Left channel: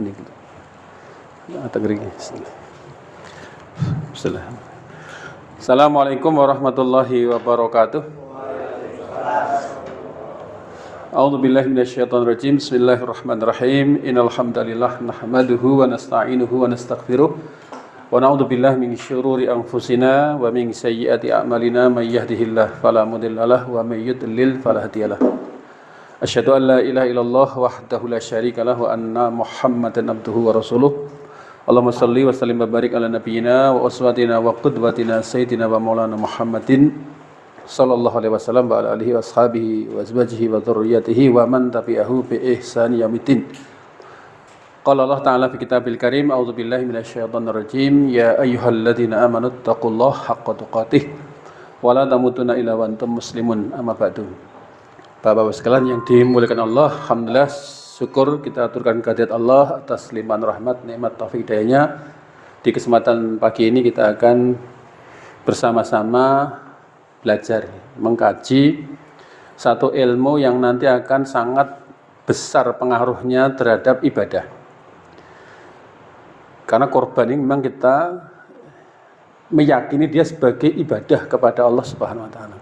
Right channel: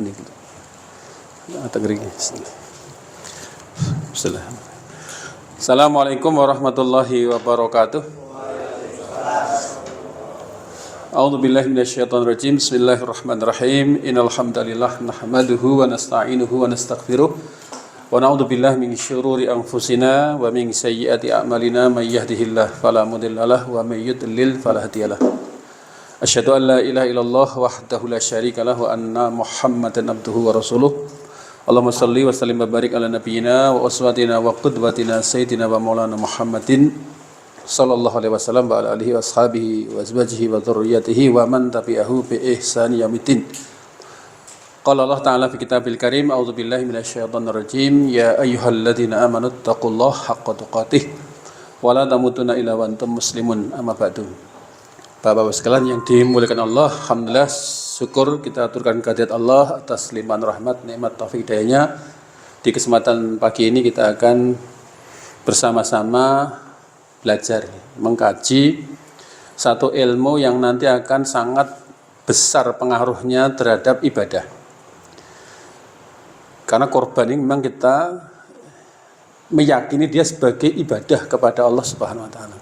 Ini gitu. Atau gering. Bismillah. Assalamualaikum warahmatullahi wabarakatuh. A'udzu billahi minasyaitonir rajim. Bismillahirrahmanirrahim. Innal hamdalillah nahmaduhu wa nasta'inuhu wa nastaghfiruh. Wa na'udzu billahi min syururi anfusina wa min sayyiati a'malina may yahdihillahu fala mudhillalah wa may yudlil fala hadiyalah. Asyhadu an la ilaha illallah wahdahu la syarika lah wa anna Muhammadan abduhu wa rasuluh. Allahumma shalli wa sallim wa barik ala nabiyyina wa uswatina wa qudwatina sayyidina wa maulana Muhammadin sallallahu alaihi wasallam wa ala alihi wa ashabihi wa azwajihi wa dzurriyyatihi wa man tabi'ahu bi ihsani yaumiddin. Qala Allah ta'ala fi kitabil karim, a'udzu billahi minasyaitonir rajim, ya ayyuhalladzina amanu taqullaha haqqa tuqatih wa la tamutunna illa wa antum muslimun. Amma ba'du. Bapak-bapak sekalian yang dimuliakan Allah, alhamdulillah syukur kita aturkan kehadirat Allah atas limpahan rahmat, nikmat, taufik hidayahnya. Di kesempatan pagi ini kita akan bersama-sama belajar, mengkaji satu ilmu yang nanti akan sangat besar pengaruhnya terhadap ibadah. Karena korban ini memang kita meyakini dia sebagai ibadah kepada Allah Subhanahu wa taala.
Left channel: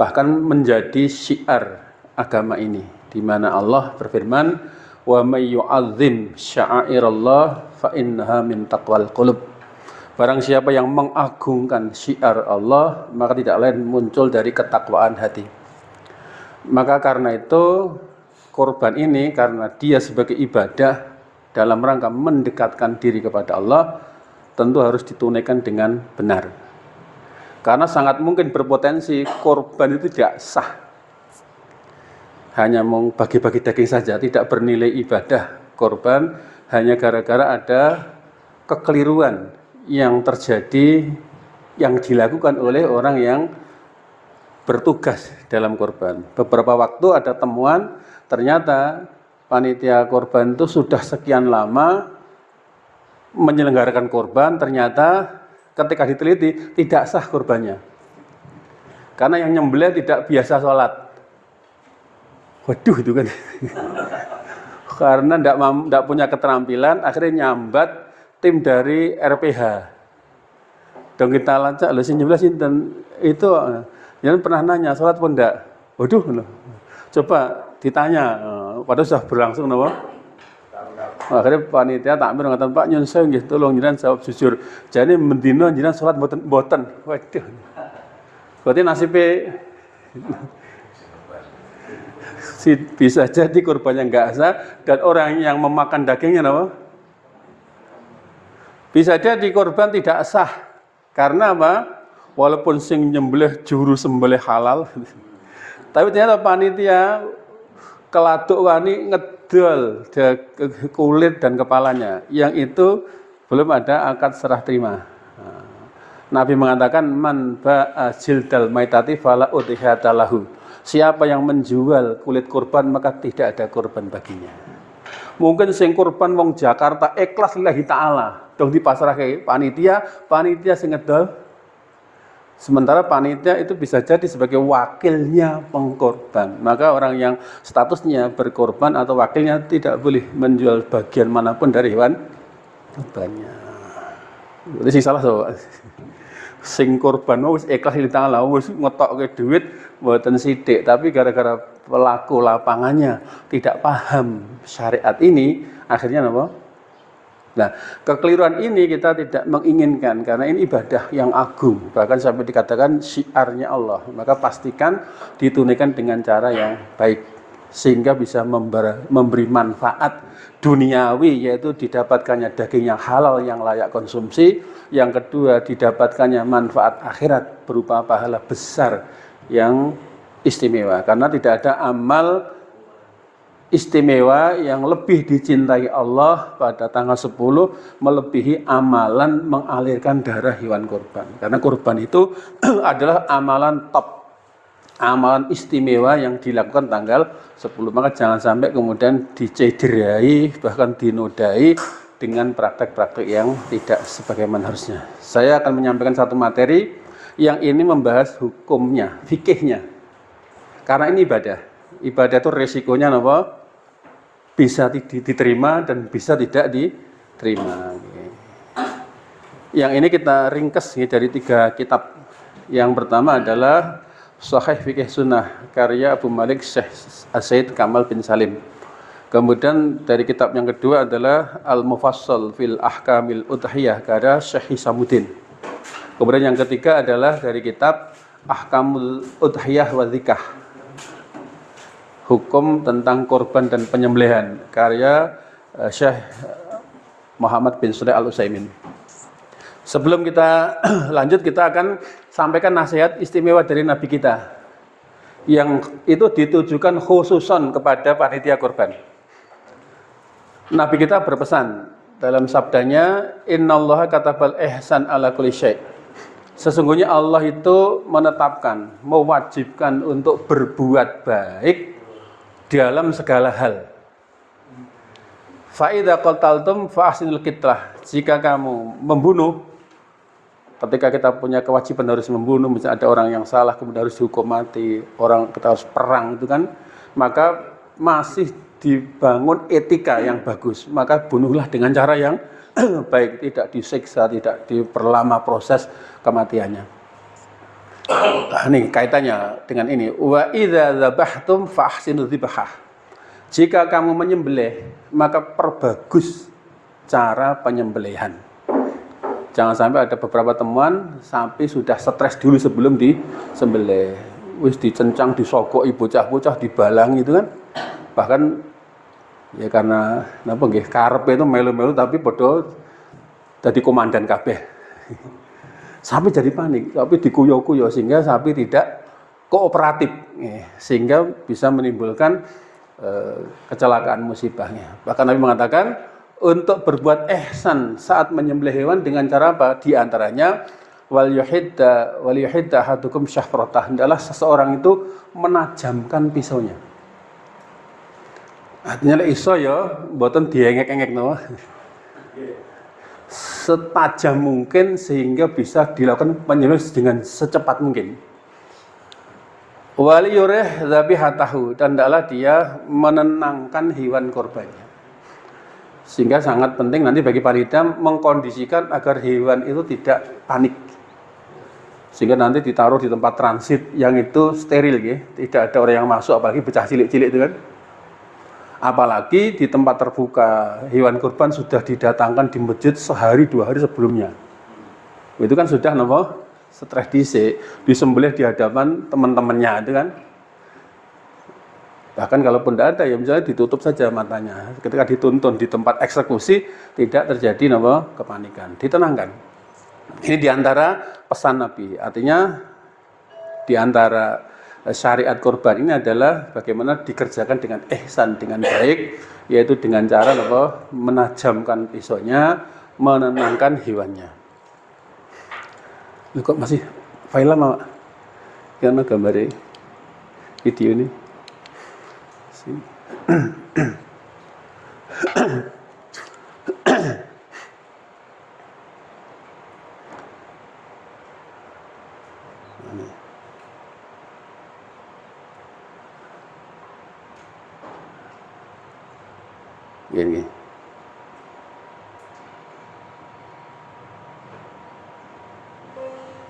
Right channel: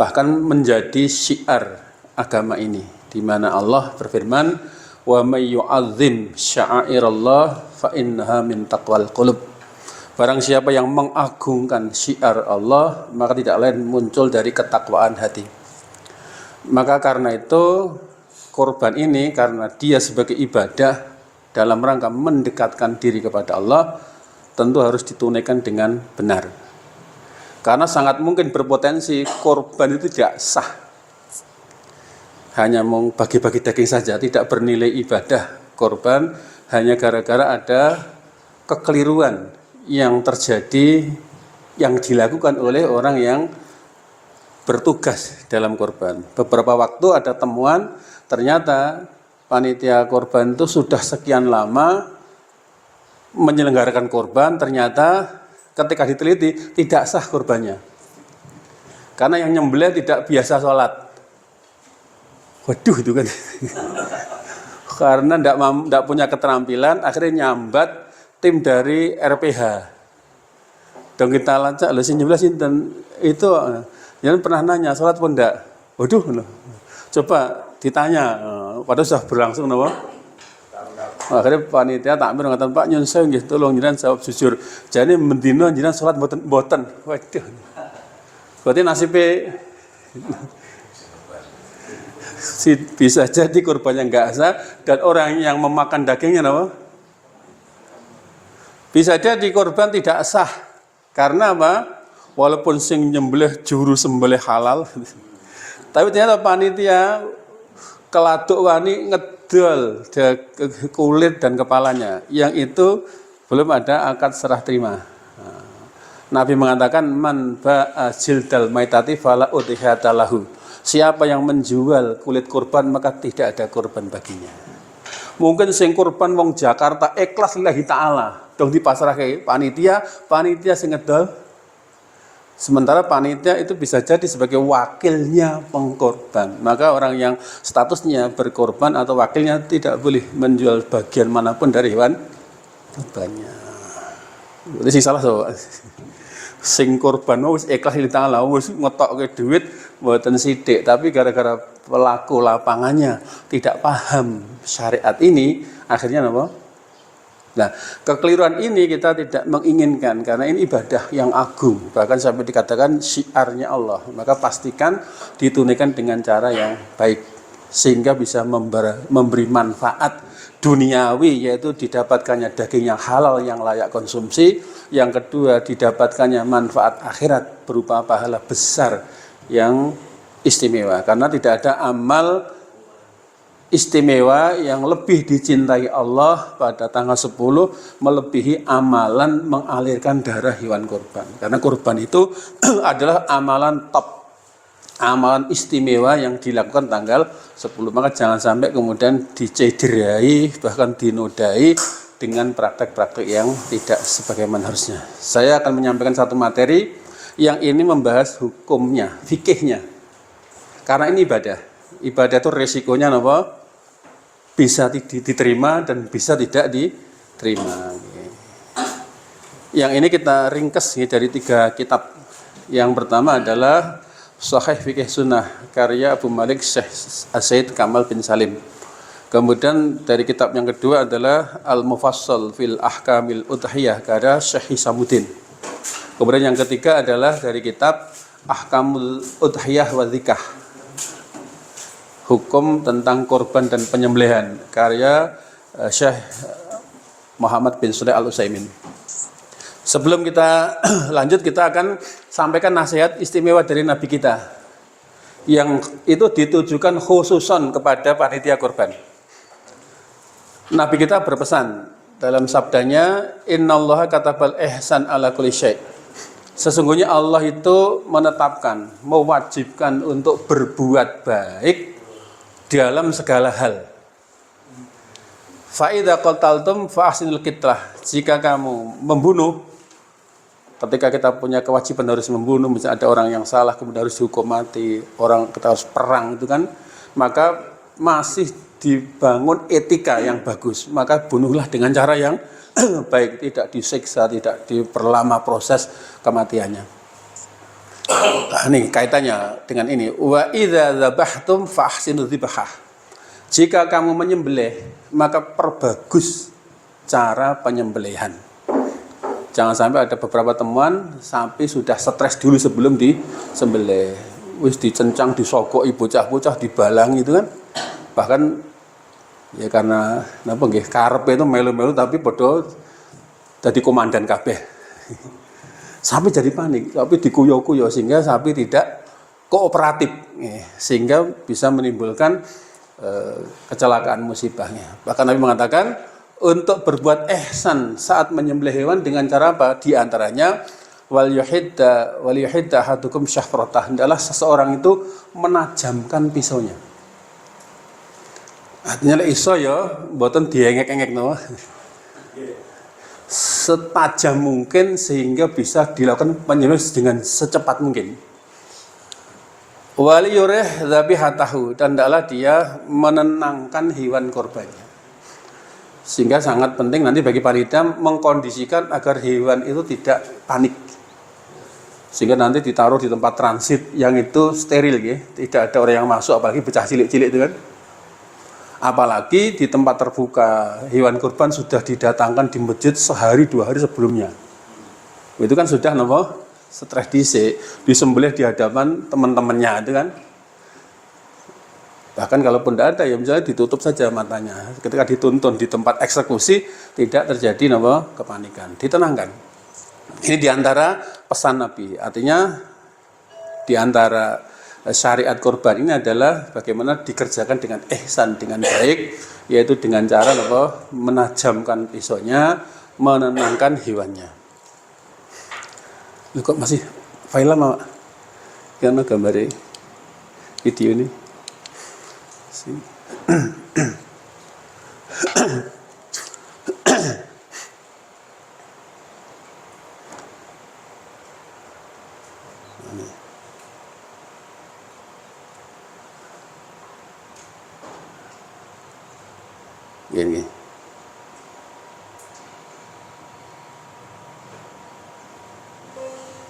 Bahkan menjadi syiar agama ini, di mana Allah berfirman, wa may yu'azzim sya'airallah fa innaha min taqwal qulub. Barang siapa yang mengagungkan syiar Allah, maka tidak lain muncul dari ketakwaan hati. Maka karena itu kurban ini, karena dia sebagai ibadah dalam rangka mendekatkan diri kepada Allah, tentu harus ditunaikan dengan benar. Karena sangat mungkin berpotensi korban itu tidak sah, hanya mau bagi-bagi daging saja, tidak bernilai ibadah. Korban hanya gara-gara ada kekeliruan yang terjadi, yang dilakukan oleh orang yang bertugas dalam korban. Beberapa waktu ada temuan, ternyata panitia korban itu sudah sekian lama menyelenggarakan korban, ternyata ketika diteliti tidak sah korbannya, karena yang nyembelih tidak biasa sholat. Waduh, itu kan karena tidak punya keterampilan, akhirnya nyambat tim dari RPH. Dong kita lacak, loh si nyembelih sinten itu, jangan pernah nanya sholat pun enggak. Waduh, coba ditanya, padahal sudah berlangsung nama. Akhirnya panitia takmir mengatakan, Pak nyun sewu nggih, tolong jenengan jawab jujur. Jane mendina jenengan salat mboten. Waduh. Berarti nasibnya bisa jadi korbannya enggak sah, dan orang yang memakan dagingnya apa? Bisa jadi korban tidak sah. Karena apa? Walaupun sing nyembelih juru sembelih halal, tapi ternyata panitia keladuk wani ngedol kulit dan kepalanya, yang itu belum ada akad serah terima. Nabi mengatakan, man ba'a jildal maitati fala udhiyata lahu. Siapa yang menjual kulit kurban maka tidak ada kurban baginya. Mungkin sing kurban wong Jakarta ikhlas lillahi ta'ala, dong dipasrahke panitia sing ngedol. Sementara panitia itu bisa jadi sebagai wakilnya pengkorban. Maka orang yang statusnya berkorban atau wakilnya tidak boleh menjual bagian manapun dari hewan kurbannya. Itu sih salah sobat. Sing korban wis ikhlas lillahi ta'ala, wis ngetokke duit mboten sithik, tapi gara-gara pelaku lapangannya tidak paham syariat ini, akhirnya apa? Nah, kekeliruan ini kita tidak menginginkan, karena ini ibadah yang agung, bahkan sampai dikatakan syiarnya Allah. Maka pastikan ditunaikan dengan cara yang baik, sehingga bisa memberi manfaat duniawi, yaitu didapatkannya daging yang halal yang layak konsumsi. Yang kedua, didapatkannya manfaat akhirat berupa pahala besar yang istimewa, karena tidak ada amal istimewa yang lebih dicintai Allah pada tanggal 10 melebihi amalan mengalirkan darah hewan kurban. Karena kurban itu adalah amalan top, amalan istimewa yang dilakukan tanggal 10. Maka jangan sampai kemudian dicederai, bahkan dinodai dengan praktek-praktek yang tidak sebagaimana harusnya. Saya akan menyampaikan satu materi yang ini membahas hukumnya, fikihnya. Karena ini ibadah. Ibadah itu resikonya apa? bisa diterima dan bisa tidak diterima. Yang ini kita ringkes dari 3 kitab. Yang pertama adalah Sahih Fiqh Sunnah karya Abu Malik Syekh Said Kamal bin Salim. Kemudian dari kitab yang kedua adalah Al-Mufassal fil Ahkamil Udhiyah karya Syekh Hisamuddin. Kemudian yang ketiga adalah dari kitab Ahkamul Udhiyah wa Dzikah, hukum tentang korban dan penyembelihan karya Syekh Muhammad bin Shalih Al-Utsaimin. Sebelum kita lanjut, kita akan sampaikan nasihat istimewa dari Nabi kita yang itu ditujukan khususon kepada panitia korban. Nabi kita berpesan dalam sabdanya, Innallaha katabal ihsan ala kulli syai'. Sesungguhnya Allah itu menetapkan, mewajibkan untuk berbuat baik dalam segala hal. Fa idza qataltum fa ahsinul qitlah. Jika kamu membunuh, ketika kita punya kewajiban harus membunuh, misalnya ada orang yang salah kemudian harus dihukum mati, orang kita harus perang itu kan, maka masih dibangun etika yang bagus, maka bunuhlah dengan cara yang baik, tidak disiksa, tidak diperlama proses kematiannya. Nah, ini kaitannya dengan ini. Wa idza dzabhtum fa ahsinul dzibhah. Jika kamu menyembelih, maka perbagus cara penyembelihan. Jangan sampai ada beberapa temuan sapi sudah stres dulu sebelum disembelih. Wis dicencang, disokoki bocah-bocah, dibalang itu kan. Bahkan ya karena napa nggih karepe itu melu-melu tapi padha dadi komandan kabeh. Sapi jadi panik, sapi dikuyo-kuyo sehingga sapi tidak kooperatif, sehingga bisa menimbulkan kecelakaan musibahnya. Bahkan Nabi mengatakan untuk berbuat ihsan saat menyembelih hewan dengan cara apa? Di antaranya wal yuhidda ahadukum syafratah, adalah seseorang itu menajamkan pisaunya. Artinya iso ya mboten diengek-engek no. Setajam mungkin sehingga bisa dilakukan penyembelihan dengan secepat mungkin. Wali yurih dzabihatahu, dan hendaklah dia menenangkan hewan korbannya. Sehingga sangat penting nanti bagi panitia mengkondisikan agar hewan itu tidak panik. Sehingga nanti ditaruh di tempat transit yang itu steril ya, tidak ada orang yang masuk, apalagi bocah cilik-cilik itu kan. Apalagi di tempat terbuka, hewan kurban sudah didatangkan di masjid sehari 2 hari sebelumnya. Itu kan sudah stres dhisik, disembelih di hadapan teman-temannya itu kan. Bahkan kalaupun tidak ada ya misalnya ditutup saja matanya. Ketika dituntun di tempat eksekusi tidak terjadi kepanikan, ditenangkan. Ini diantara pesan Nabi. Artinya diantara syariat korban ini adalah bagaimana dikerjakan dengan ihsan, dengan baik, yaitu dengan cara menajamkan pisaunya, menenangkan hewannya. Loh, kok masih file lama? Yang gambar video ini. Gini.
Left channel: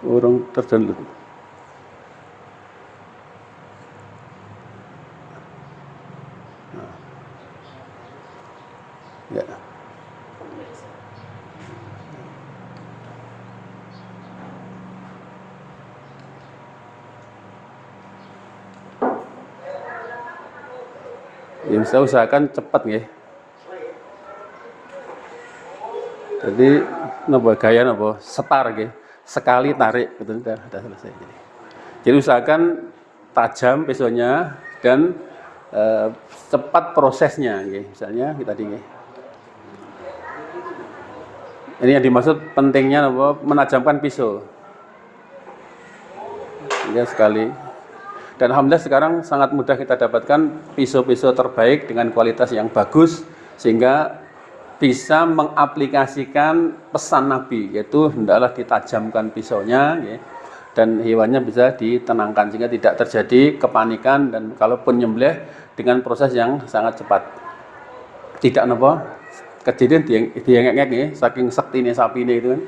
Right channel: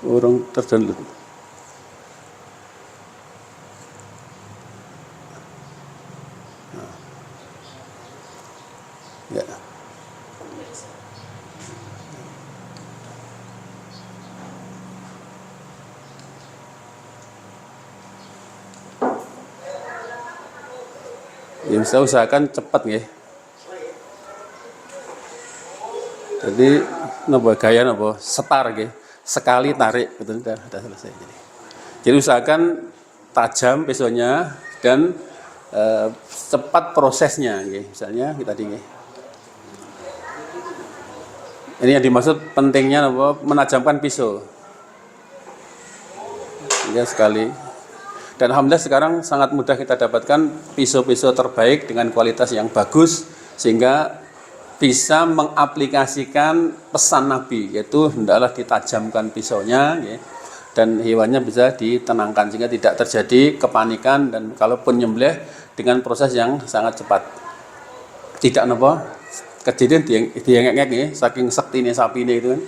Orang terdownload. Ya. Yang saya usahakan cepat ya. Jadi gaya setar gitu, sekali tarik gitu udah selesai. Jadi usahakan tajam pisaunya dan cepat prosesnya gitu. Misalnya kita ini yang dimaksud pentingnya menajamkan pisau. Ya sekali. Dan alhamdulillah sekarang sangat mudah kita dapatkan pisau-pisau terbaik dengan kualitas yang bagus sehingga bisa mengaplikasikan pesan Nabi, yaitu hendaklah ditajamkan pisaunya ya, dan hewannya bisa ditenangkan sehingga tidak terjadi kepanikan dan kalaupun nyembelih dengan proses yang sangat cepat. tidak napa kejadian diengek-engek nggih saking sektine sapine itu kan.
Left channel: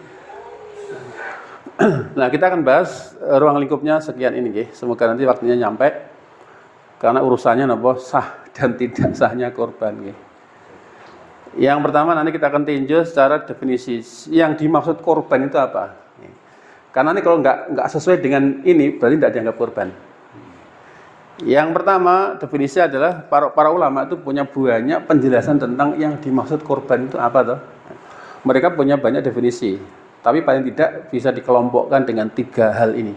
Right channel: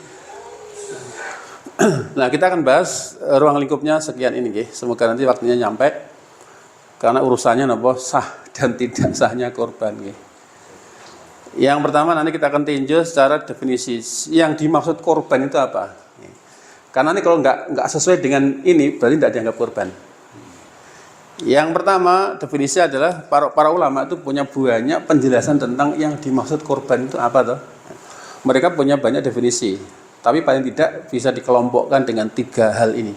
Nah, kita akan bahas ruang lingkupnya sekian ini nggih. Semoga nanti waktunya nyampe karena urusannya napa sah dan tidak sahnya korban nggih. Yang pertama nanti kita akan tinjau secara definisi yang dimaksud korban itu apa. Karena ini kalau nggak sesuai dengan ini berarti tidak dianggap korban. Yang pertama definisi adalah para ulama itu punya banyak penjelasan tentang yang dimaksud korban itu apa toh. Mereka punya banyak definisi, tapi paling tidak bisa dikelompokkan dengan 3 hal ini.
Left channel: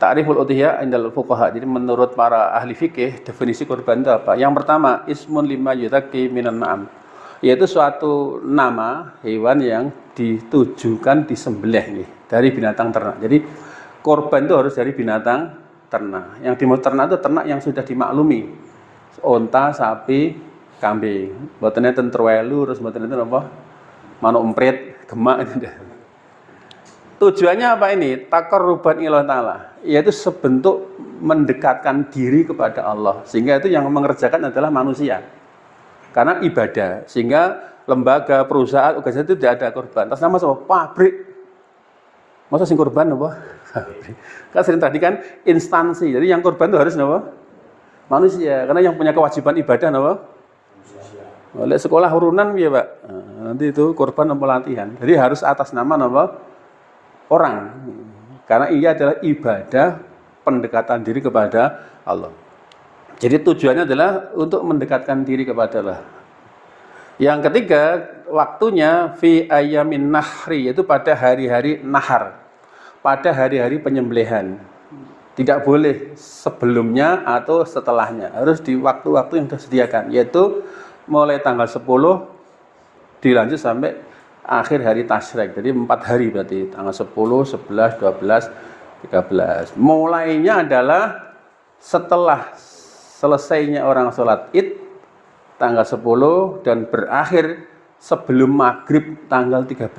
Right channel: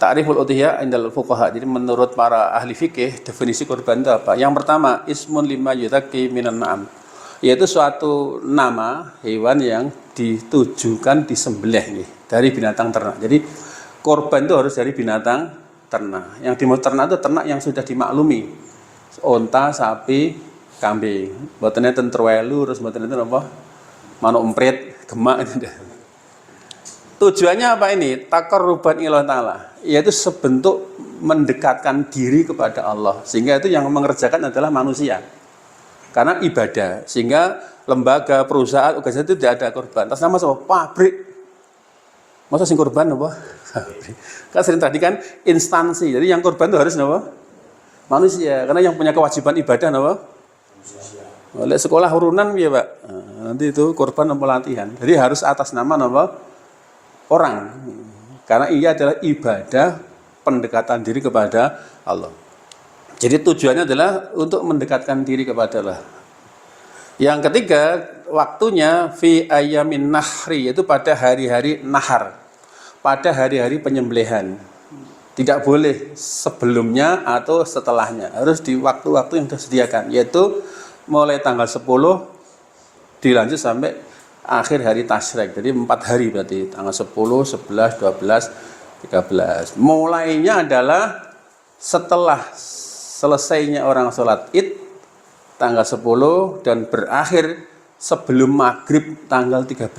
Ta'riful udhiyah indal fuqaha. Jadi menurut para ahli fikih definisi korban itu apa? Yang pertama ismun lima yutaki minan na'am, yaitu suatu nama hewan yang ditujukan disembelih nih, dari binatang ternak. Jadi korban itu harus dari binatang ternak. Yang dimaksud ternak itu ternak yang sudah dimaklumi. Onta, sapi, kambing. Mboten enten terwelu terus mboten enten apa? Manuk emprit, gemak gitu. Tujuannya apa ini? Taqarruban ilallah taala, yaitu sebentuk mendekatkan diri kepada Allah. Sehingga itu yang mengerjakan adalah manusia. Karena ibadah. Sehingga lembaga, perusahaan, organisasi itu tidak ada korban. Atas nama so, pabrik. Masa sing korban apa? Kan sering tadi kan instansi. Jadi yang korban itu harus apa? Manusia. Karena yang punya kewajiban ibadah apa? Oleh sekolah urunan ya Pak. Nanti itu korban pelatihan. Jadi harus atas nama apa? Orang. Karena ia adalah ibadah pendekatan diri kepada Allah. Jadi tujuannya adalah untuk mendekatkan diri kepada Allah. Yang ketiga, waktunya fi ayamin nahri, yaitu pada hari-hari nahar, pada hari-hari penyembelihan. Tidak boleh sebelumnya atau setelahnya, harus di waktu-waktu yang disediakan, yaitu mulai tanggal 10 dilanjut sampai akhir hari tasyrik. Jadi 4 hari berarti, tanggal 10, 11, 12, 13. Mulainya adalah setelah selesainya orang sholat id tanggal 10 dan berakhir sebelum maghrib tanggal 13.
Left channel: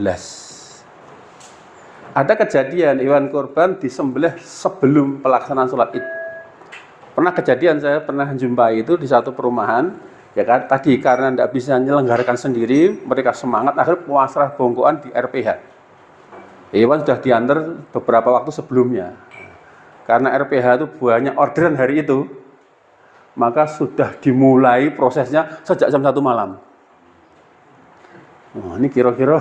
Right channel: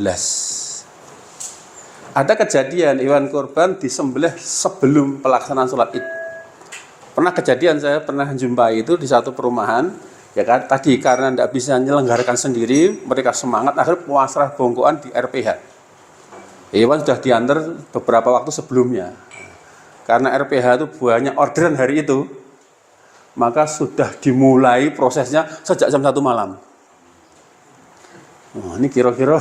Ada kejadian hewan kurban disembelih sebelum pelaksanaan sholat id. Pernah kejadian, saya pernah menjumpai itu di satu perumahan, ya kan, tadi karena tidak bisa menyelenggarakan sendiri, mereka semangat akhirnya pasrah bongkoan di RPH. Hewan sudah diantar beberapa waktu sebelumnya. Karena RPH itu banyak orderan hari itu, maka sudah dimulai prosesnya sejak jam 1 malam. Oh, ini kira-kira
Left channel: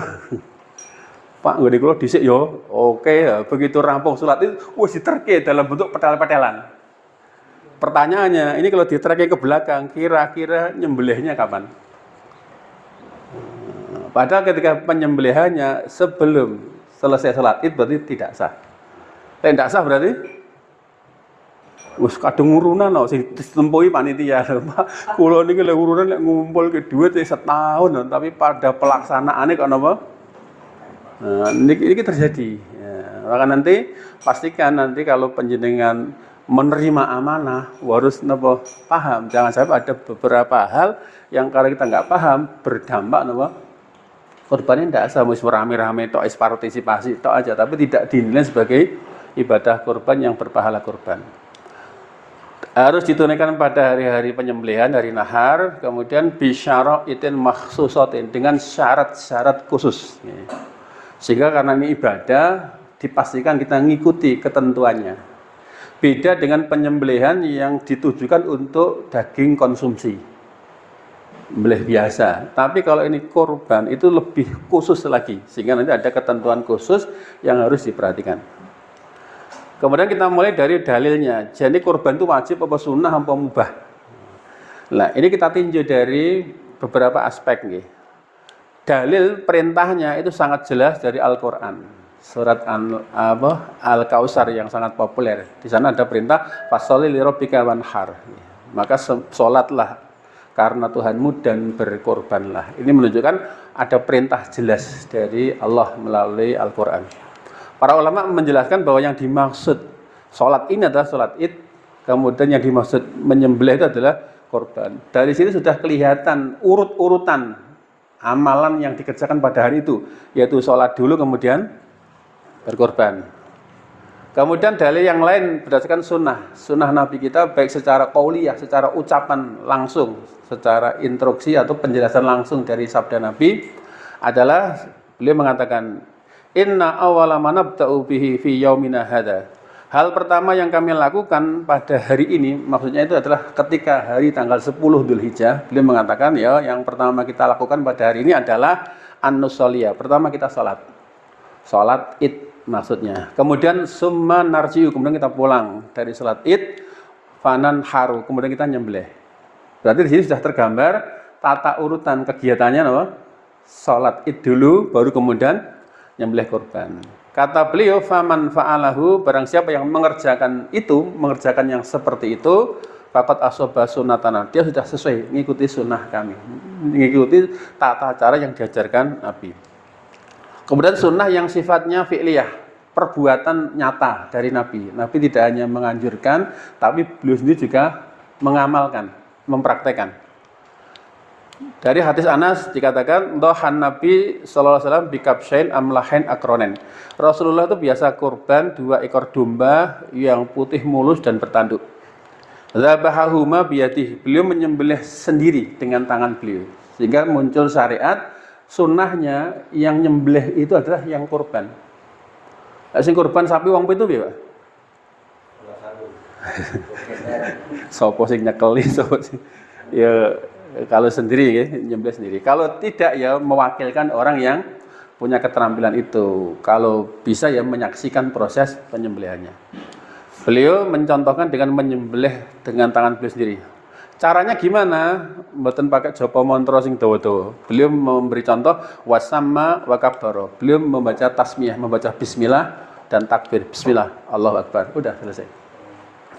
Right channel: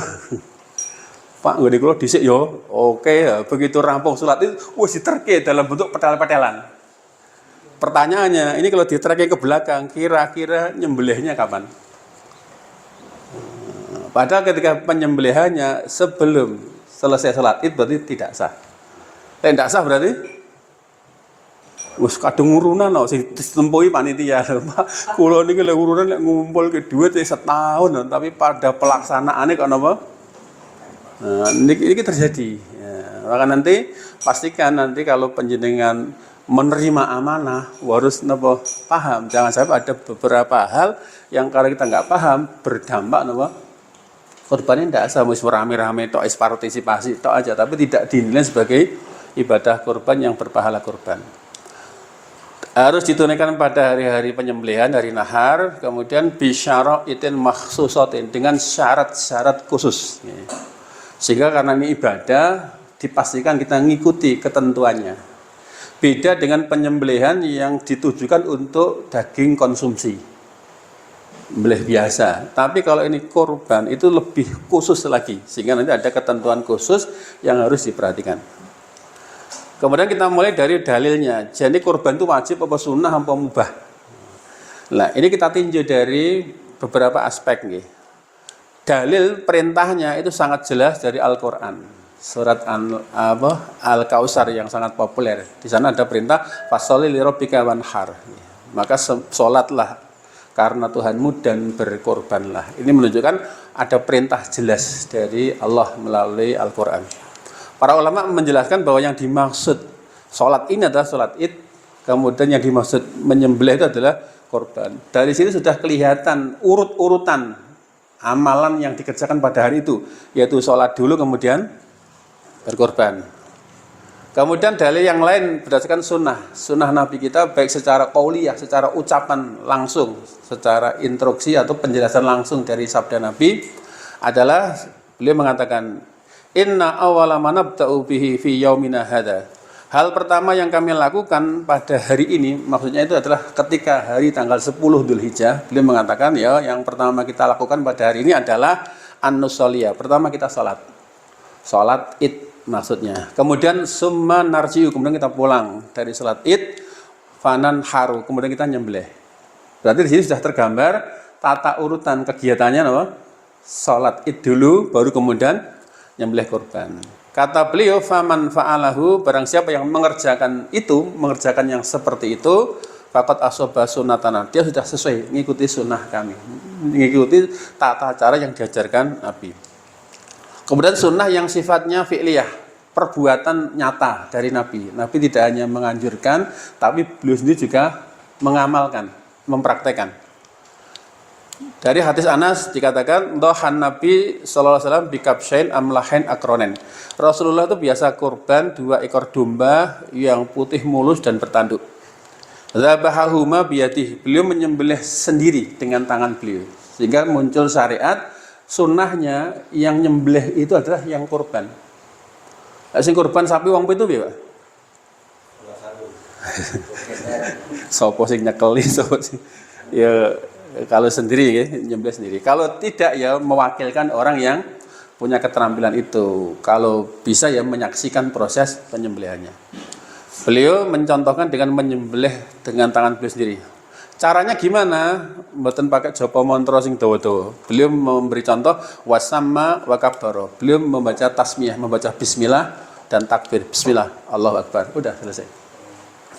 Pak nggak dikulo disik yo. Oke, begitu rampung sholat itu wis diterke dalam bentuk petel-petelan. Pertanyaannya, ini kalau diterke ke belakang, kira-kira nyembelihnya kapan? Padahal ketika penyembelihannya sebelum selesai sholat id berarti tidak sah. Tidak sah berarti wis kadung urunan sing ditempui panitia. Kula niki lek urunan lek ngumpul ke duit setahun tapi pada pelaksanaannya kok napa? Nah, ini terjadi. Ya, maka nanti pastikan nanti kalau panjenengan menerima amanah harus napa paham. Jangan sampai ada beberapa hal yang kalau kita nggak paham berdampak napa korbannya tidak sah, wis rame-rame tok partisipasi tok aja tapi tidak dinilai sebagai ibadah korban yang berpahala korban. Harus ditunaikan pada hari-hari penyembelihan, hari nahar, kemudian bisyara'itin makhsusatin, dengan syarat-syarat khusus. Sehingga karena ini ibadah, dipastikan kita ngikuti ketentuannya. Beda dengan penyembelihan yang ditujukan untuk daging konsumsi, belih biasa. Tapi kalau ini korban itu lebih khusus lagi, sehingga nanti ada ketentuan khusus yang harus diperhatikan. Kemudian kita mulai dari dalilnya. Jadi korban itu wajib apa sunnah apa mubah. Nah, ini kita tinjau dari beberapa aspek nih. Dalil perintahnya itu sangat jelas dari Al-Qur'an. Surat Al-Kautsar yang sangat populer. Di sana ada perintah fasholli lirabbika wanhar. Maka salatlah karena Tuhanmu dan berkorbanlah. Ini menunjukkan ada perintah jelas dari Allah melalui Al-Qur'an. Para ulama menjelaskan bahwa yang dimaksud sholat ini adalah sholat id, kemudian yang dimaksud menyembelih itu adalah korban. Dari sini sudah kelihatan urut-urutan amalan yang dikerjakan pada hari itu, yaitu sholat dulu kemudian berkorban. Kemudian dalil yang lain berdasarkan sunnah Nabi kita baik secara qauliyah, secara ucapan langsung, secara instruksi atau penjelasan langsung dari sabda Nabi adalah beliau mengatakan inna awwala ma nabda'u bihi fi yaumina hadza. Hal pertama yang kami lakukan pada hari ini, maksudnya itu adalah ketika hari tanggal 10 Dzulhijjah, beliau mengatakan ya yang pertama kita lakukan pada hari ini adalah an-nusoliyah. Pertama kita salat Id maksudnya. Kemudian summa narjiu, kemudian kita pulang dari salat Id, fanan haru, kemudian kita nyembelih. Berarti di sini sudah tergambar tata urutan kegiatannya apa? Salat Id dulu baru kemudian nyembelih kurban. Kata beliau faman fa'alahu, barang siapa yang mengerjakan yang seperti itu, faqad asoba sunnatana, dia sudah sesuai mengikuti sunnah kami, mengikuti tata cara yang diajarkan Nabi. Kemudian sunnah yang sifatnya fi'liyah, perbuatan nyata dari Nabi. Nabi tidak hanya menganjurkan, tapi beliau sendiri juga mengamalkan, mempraktekkan. Dari hadis Anas dikatakan, dohan Nabi sallallahu alaihi wasallam bikabshain amlahain akronen. Rasulullah itu biasa kurban 2 ekor domba yang putih mulus dan bertanduk. Zabahahuma biyadihi, beliau menyembelih sendiri dengan tangan beliau. Sehingga muncul syariat sunnahnya yang nyembelih itu adalah yang kurban. Sing kurban sapi wong pitu piye, Pak? Sopo sing nyekeli sopo sing ya kalau sendiri ya, nyembelih sendiri. Kalau tidak ya mewakilkan orang yang punya keterampilan itu. Kalau bisa ya menyaksikan proses penyembelihannya. Beliau mencontohkan dengan menyembelih dengan tangan beliau sendiri. Caranya gimana? Mboten pakai japa mantra sing dawa-dawa. Beliau memberi contoh wasamma wa kabbara. Beliau membaca tasmiyah, membaca bismillah dan takbir. Bismillah, Allahu Akbar. Udah selesai.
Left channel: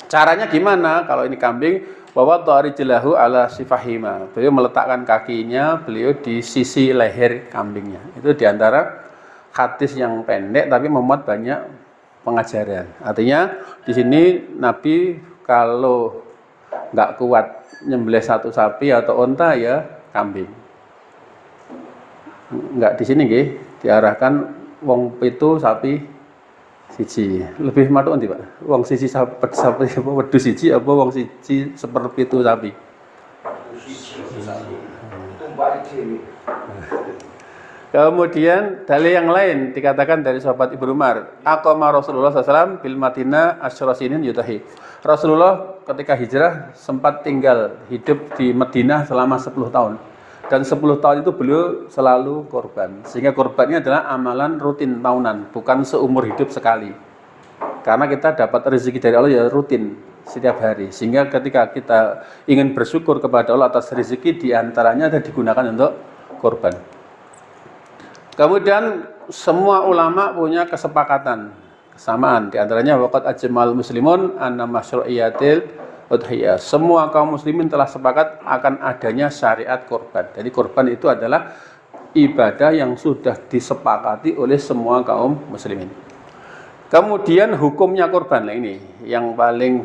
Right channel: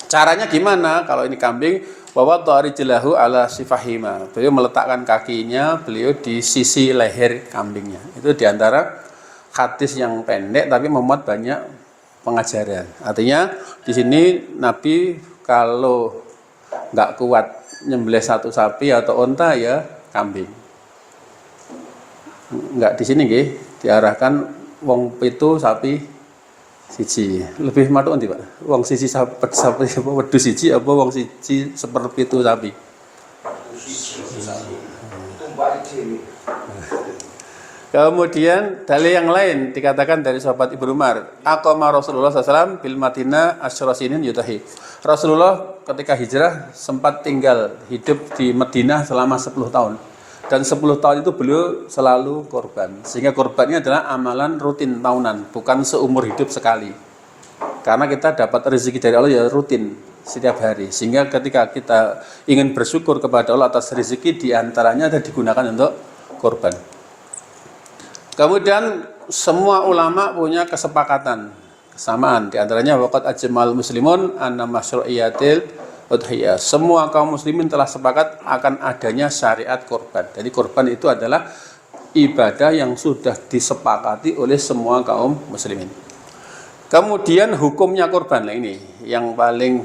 Caranya gimana? Kalau ini kambing, bahwa ta'rijlahu ala sifahima. Beliau meletakkan kakinya beliau di sisi leher kambingnya. Itu diantara hadis yang pendek tapi memuat banyak pengajaran. Artinya di sini Nabi kalau nggak kuat nyembelih satu sapi atau onta ya kambing. Nggak di sini nggih, diarahkan wong pitu sapi siji. Lebih matuk ndi, Pak? Wong siji sapi apa wedhus siji apa wong siji seperpitu sapi? Kemudian dalil yang lain dikatakan dari sahabat Ibnu Umar, aqama Rasulullah SAW bil Madinah asyra sinin yutahi. Rasulullah ketika hijrah sempat tinggal hidup di Madinah selama 10 tahun. Dan 10 tahun itu beliau selalu korban. Sehingga korbannya adalah amalan rutin tahunan, bukan seumur hidup sekali. Karena kita dapat rezeki dari Allah ya rutin setiap hari. Sehingga ketika kita ingin bersyukur kepada Allah atas rezeki, diantaranya ada digunakan untuk korban. Kemudian semua ulama punya kesamaan. Diantaranya waqat ajmal muslimun anna masyru'iyatil udhiyah. Semua kaum muslimin telah sepakat akan adanya syariat korban. Jadi korban itu adalah ibadah yang sudah disepakati oleh semua kaum muslimin. Kemudian hukumnya korban, nah ini yang paling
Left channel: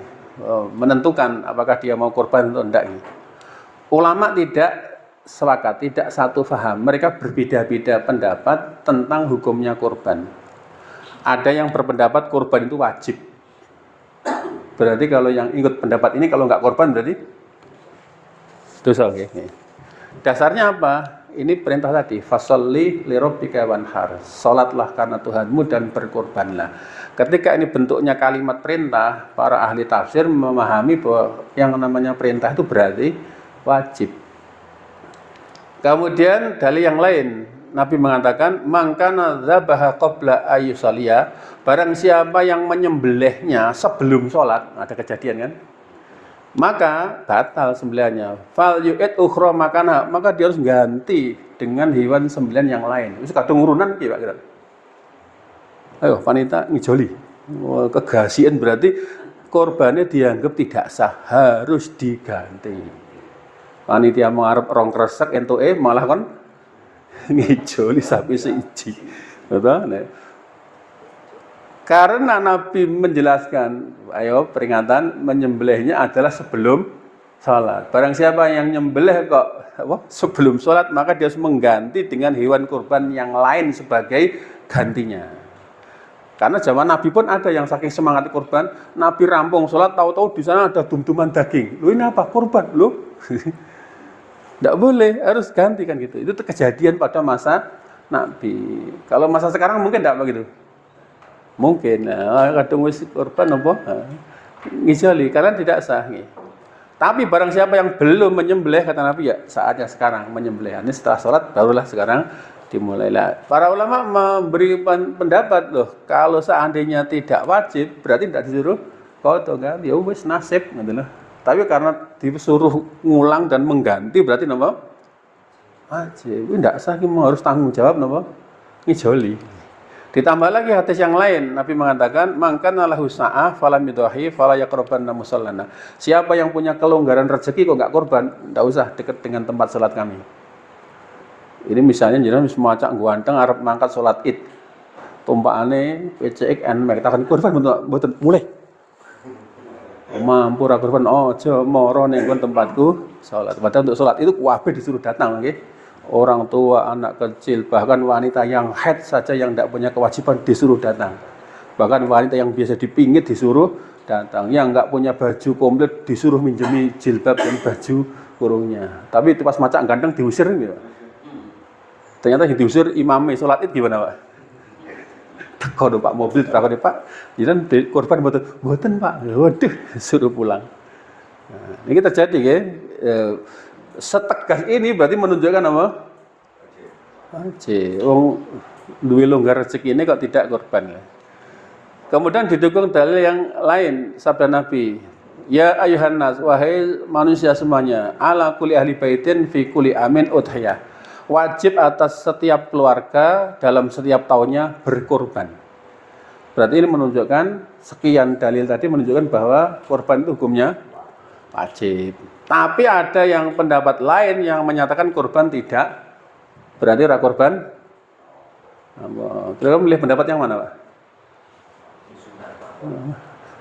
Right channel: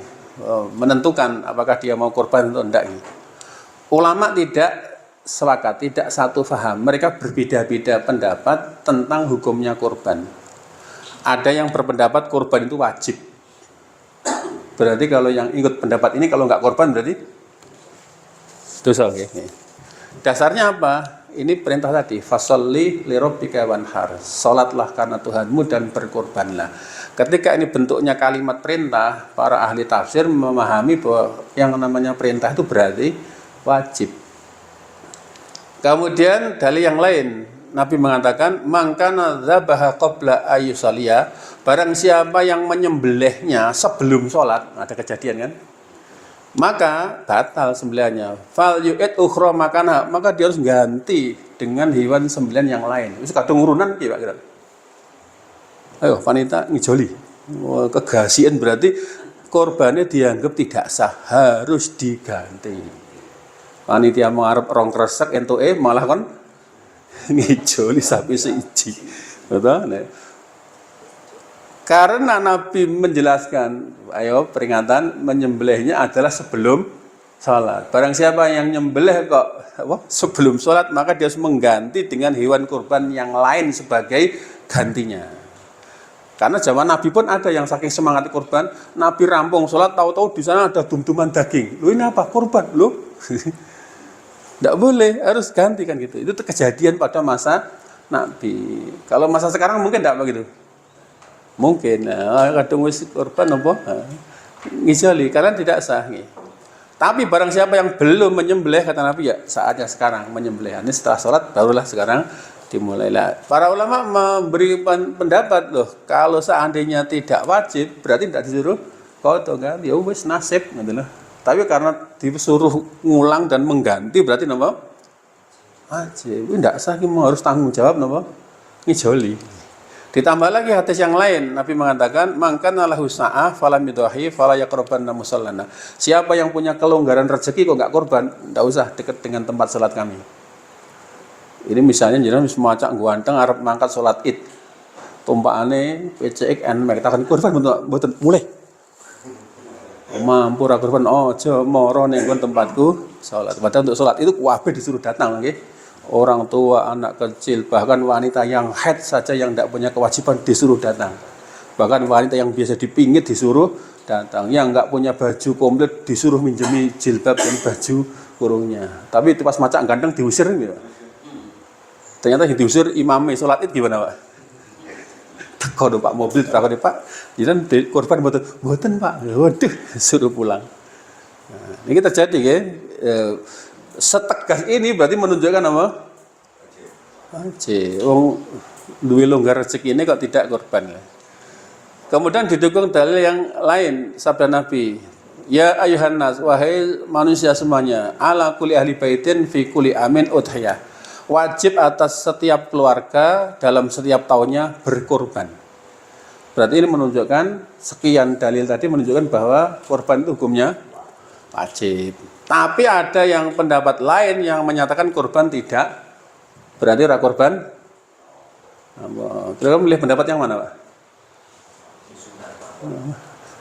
menentukan apakah dia mau korban atau tidak. Ulama tidak sepakat, tidak satu faham. Mereka berbeda-beda pendapat tentang hukumnya korban. Ada yang berpendapat korban itu wajib. Berarti kalau yang ikut pendapat ini kalau nggak korban berarti dosa. Okay. Dasarnya apa? Ini perintah tadi, fasalli li rabbika wanhar. Salatlah karena Tuhanmu dan berkorbanlah. Ketika ini bentuknya kalimat perintah, para ahli tafsir memahami bahwa yang namanya perintah itu berarti wajib. Kemudian dalil yang lain, Nabi mengatakan, "Mangkana dzabaha qabla ayyusaliya." Barang siapa yang menyembelihnya sebelum sholat, ada kejadian kan? Maka batal sembelihannya. Fal yu'id ukhra makana, maka dia harus ganti dengan hewan sembelihan yang lain. Itu kadung urunan ki, Pak. Ayo, wanita ngijoli. Kegasian berarti korbannya dianggap tidak sah, harus diganti. Panitia mengarep rong kresek entuke malah kon ngijoli sapi seiji. Betul? Karena Nabi menjelaskan, ayo peringatan menyembelihnya adalah sebelum sholat. Barang siapa yang nyembelih kok sebelum sholat, maka dia harus mengganti dengan hewan kurban yang lain sebagai gantinya. Karena zaman Nabi pun ada yang saking semangat kurban, Nabi rampung sholat, tahu-tahu di sana ada dum-duman daging. Ini apa? Kurban, Nggak boleh, harus ganti kan gitu. Itu kejadian pada masa Nabi. Kalau masa sekarang mungkin nggak begitu. Mungkin, kadang wis kurban apa? Ngijoli, kalian tidak sah. Tapi barang siapa yang belum menyembelih, kata Nabi, ya saatnya sekarang menyembelih. Ini setelah sholat barulah sekarang dimulailah. Para ulama memberi pendapat loh, kalau seandainya tidak wajib berarti tidak disuruh potong kan, ya wis nasib gitu loh. Tapi karena disuruh ngulang dan mengganti berarti napa? Wajib. Ini tidak sah, harus tanggung jawab napa? Ngijoli. Ditambah lagi hadis yang lain, Nabi mengatakan, "Mangkana lahu sa'ah falam yudhi fala yaqrabanna musallana." Siapa yang punya kelonggaran rezeki kok enggak korban, enggak usah dekat dengan tempat salat kami. Ini misalnya jenengan wis macak ganteng arep mangkat salat Id. Tumpakane PCXN mek takon korban mboten mulai. Mampu ra korban aja mara ning tempatku salat. Padahal untuk salat itu kabeh disuruh datang nggih. Orang tua, anak kecil, bahkan wanita yang haid saja yang tidak punya kewajiban disuruh datang. Bahkan wanita yang biasa dipingit disuruh datang. Yang nggak punya baju komplit disuruh minjemi jilbab dan baju kurungnya. Tapi itu pas macak ganteng diusir gitu. Ternyata yang diusir imamnya sholat Id gimana Pak? Teko Pak mobil, teko Pak. Jangan korban boten Pak. Waduh, suruh pulang. Nah, ini terjadi ya. Setegas ini berarti menunjukkan apa? Duwe longgar rezeki ini kok tidak korban. Kemudian didukung dalil yang lain sabda Nabi, "Ya ayuhan nas, wahai manusia semuanya, ala kulli ahli baitin fi kulli amin udhiyah." Wajib atas setiap keluarga dalam setiap tahunnya berkorban. Berarti ini menunjukkan sekian dalil tadi menunjukkan bahwa korban itu hukumnya wajib. Tapi ada yang pendapat lain yang menyatakan korban tidak. Berarti ra korban. Kita milih pendapat yang mana, Pak?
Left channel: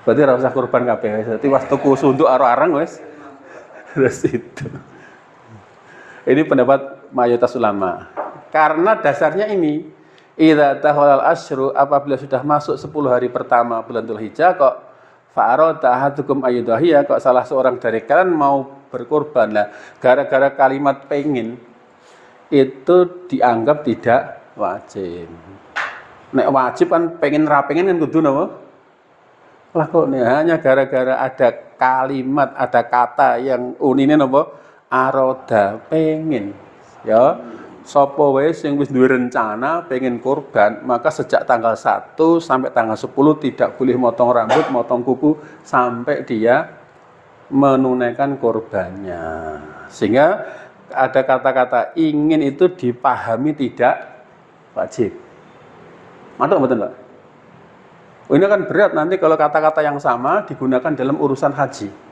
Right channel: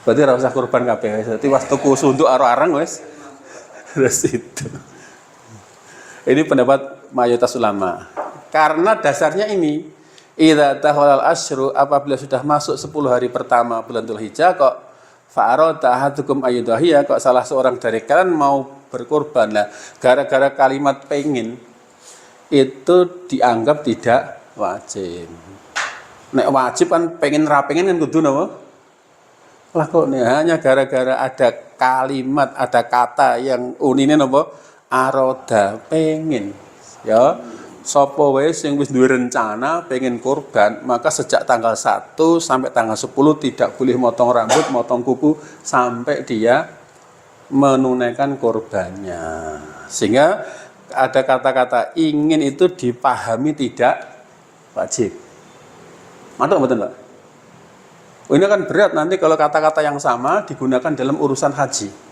Berarti ra usah korban kabeh. Berarti was tuku sunduk arang wis. Terus itu. Ini pendapat mayoritas ulama. Karena dasarnya ini, idza tahallal asyru, apabila sudah masuk 10 hari pertama bulan Dzulhijjah kok fa'arada ahadukum ayyudhiyah, kok salah seorang dari kalian mau berkorban lah, gara-gara kalimat pengen itu dianggap tidak wajib. Nek wajib kan pengen ra pengen kan kudu napa? Lah kok hanya gara-gara ada kalimat, ada kata yang unine napa? Aroda pengen. Ya, sapa wae sing wis duwe rencana pengen kurban, maka sejak tanggal 1 sampai tanggal 10 tidak boleh motong rambut, motong kuku sampai dia menunaikan kurbannya. Sehingga ada kata-kata ingin itu dipahami tidak wajib. Mantap betul Pak? Ini kan berat nanti kalau kata-kata yang sama digunakan dalam urusan haji.